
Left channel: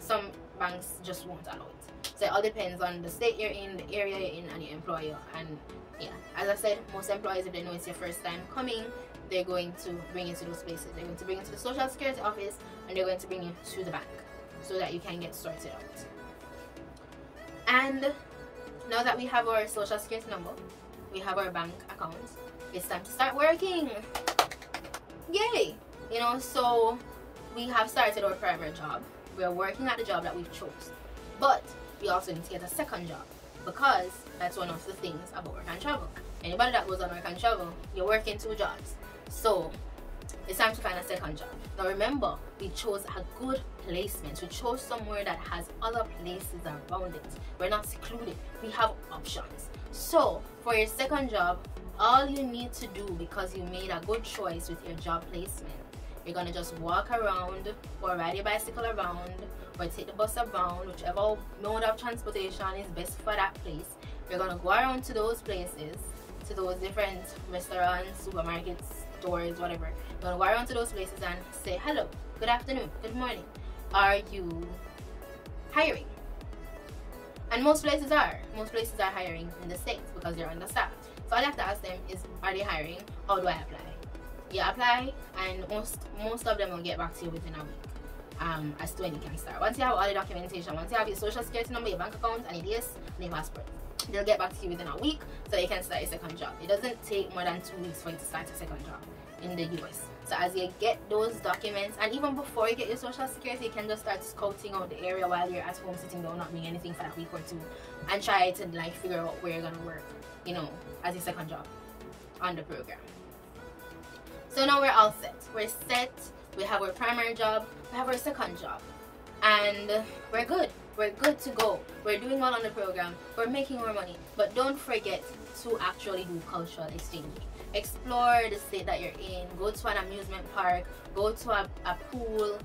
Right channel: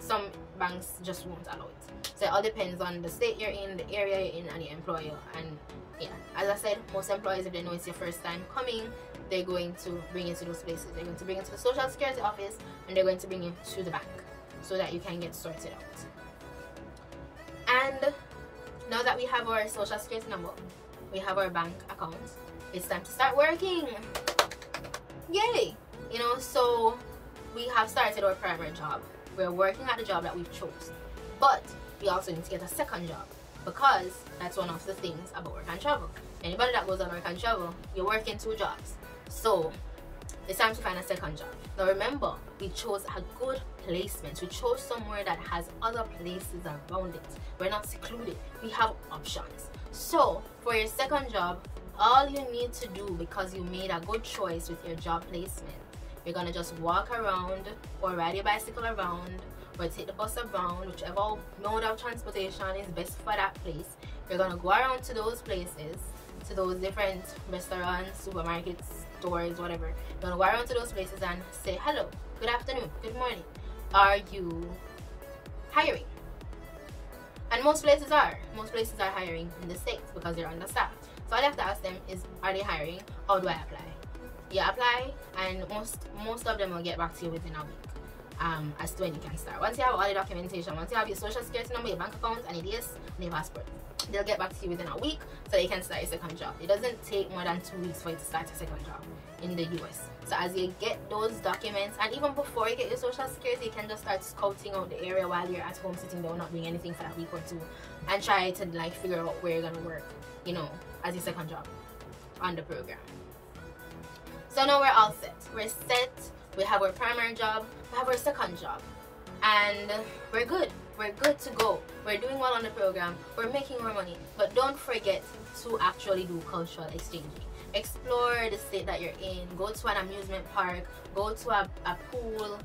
some banks just won't allow it. So it all depends on the state you're in, the area you're in, and your employer. And yeah, as I said, most employers, if they know it's your first time coming, they're going to bring you to those places. They're going to bring you to the social security office, and they're going to bring you to the bank so that you can get sorted out. And now that we have our social security number, we have our bank account, it's time to start working. Yay! You know, so we have started our primary job. We're working at the job that we've chose, but we also need to get a second job, because that's one of the things about work and travel. Anybody that goes on work and travel, you're working 2 jobs. So it's time to find a second job. Now remember, we chose a good placement. We chose somewhere that has other places around it. We're not secluded. We have options. So for your second job, all you need to do, because you made a good choice with your job placement, you're gonna just walk around or ride your bicycle around or take the bus around, whichever mode of transportation is best for that place. You're gonna go around to those places, to those different restaurants, supermarkets, stores, whatever. You're gonna go around to those places and say, hello, good afternoon, good morning, are you hiring? And most places are hiring in the States because they're understaffed. So all you have to ask them is, are they hiring? How do I apply? You apply, and most of them will get back to you within a week as to when you can start. Once you have all the documentation, once you have your social security number, your bank account, and your DS, and your passport, they'll get back to you within a week so you can start your second job. It doesn't take more than 2 weeks for you to start a second job in the US. So as you get those documents, and even before you get your social security, you can just start scouting out the area while you're at home sitting down not doing anything for that week or 2, and try to like figure out where you're gonna work, you know, as your second job on the program. So now we're all set. We're set. We have our primary job, we have our second job, and we're good. We're good to go. We're doing well on the program. We're making more money. But don't forget to actually do cultural exchange. Explore the state that you're in. Go to an amusement park. Go to a pool.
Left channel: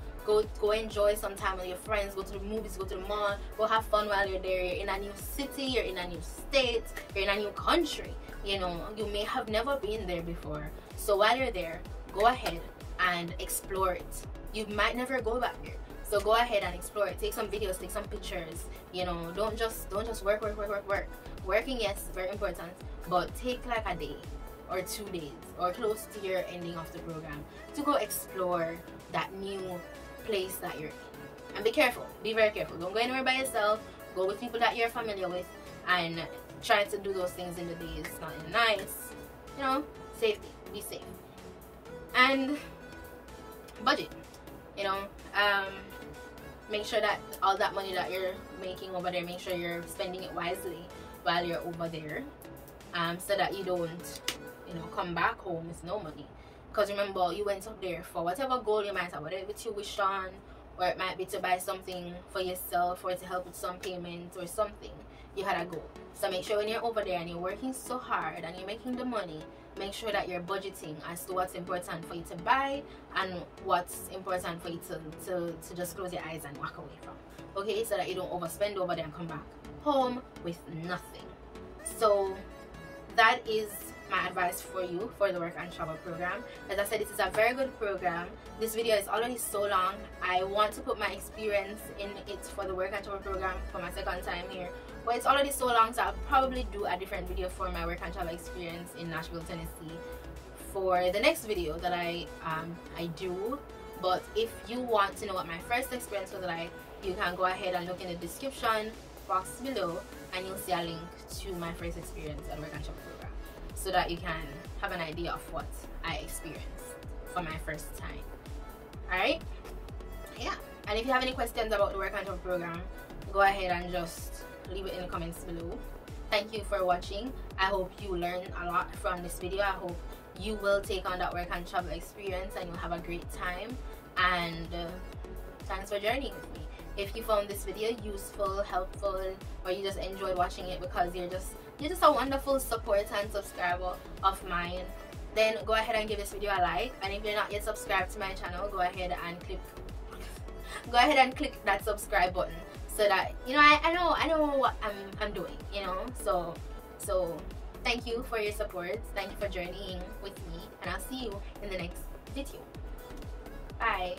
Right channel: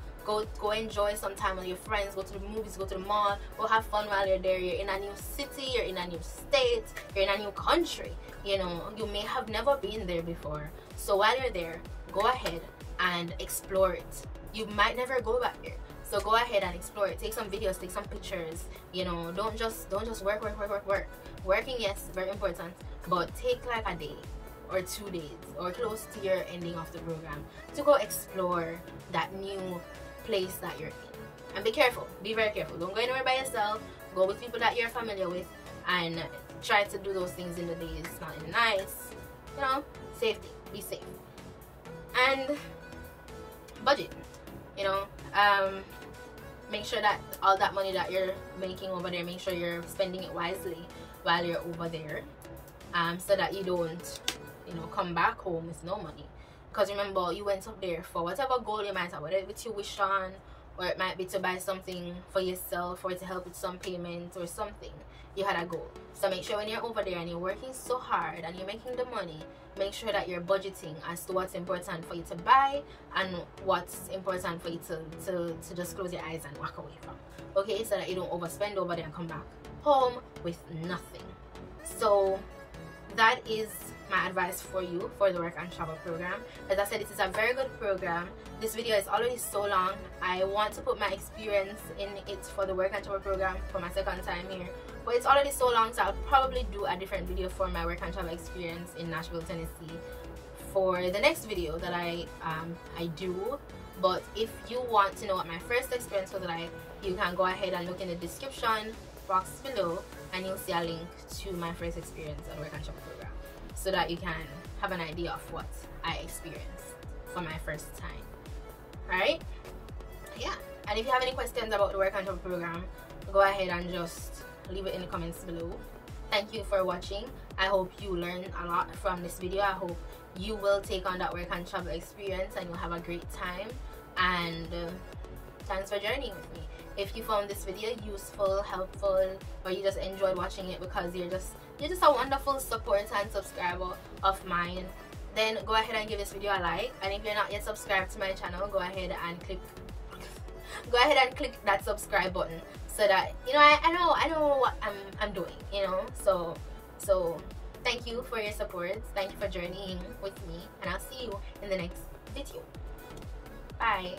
Go enjoy some time with your friends. Go to the movies. Go to the mall. Go have fun while you're there. You're in a new city. You're in a new state. You're in a new country. You know, you may have never been there before. So while you're there, go ahead and explore it. You might never go back there. So go ahead and explore it. Take some videos, take some pictures. You know, don't just work. Working, yes, very important, but take like a day or 2 days or close to your ending of the program to go explore that new place that you're in. And be careful. Be very careful. Don't go anywhere by yourself. Go with people that you're familiar with, and try to do those things in the days not in the nights. You know, safety. Be safe. And budget. You know, make sure that all that money that you're making over there, make sure you're spending it wisely while you're over there, so that you don't, you know, come back home with no money. Because remember, you went up there for whatever goal you might have, whether it's you wish on, or it might be to buy something for yourself, or to help with some payment or something. You had a goal. So make sure when you're over there and you're working so hard and you're making the money, make sure that you're budgeting as to what's important for you to buy and what's important for you to just close your eyes and walk away from. Okay, so that you don't overspend over there and come back home with nothing. So that is my advice for you for the work and travel program. As I said, this is a very good program. This video is already so long. I want to put my experience in it for the work and travel program for my second time here, but it's already so long, so I'll probably do a different video for my work and travel experience in Nashville, Tennessee for the next video that I do. But if you want to know what my first experience was like, you can go ahead and look in the description box below, and you'll see a link to my first experience at work and travel program, so that you can have an idea of what I experienced for my first time. Alright? Yeah. And if you have any questions about the work and travel program, go ahead and just leave it in the comments below. Thank you for watching. I hope you learned a lot from this video. I hope you will take on that work and travel experience and you'll have a great time. And thanks for journeying with me. If you found this video useful, helpful, or you just enjoyed watching it because you're just a wonderful supporter and subscriber of mine, then go ahead and give this video a like. And if you're not yet subscribed to my channel, go ahead and click that subscribe button, so that you know I know what I'm doing, you know. So thank you for your support, thank you for journeying with me, and I'll see you in the next video. Bye.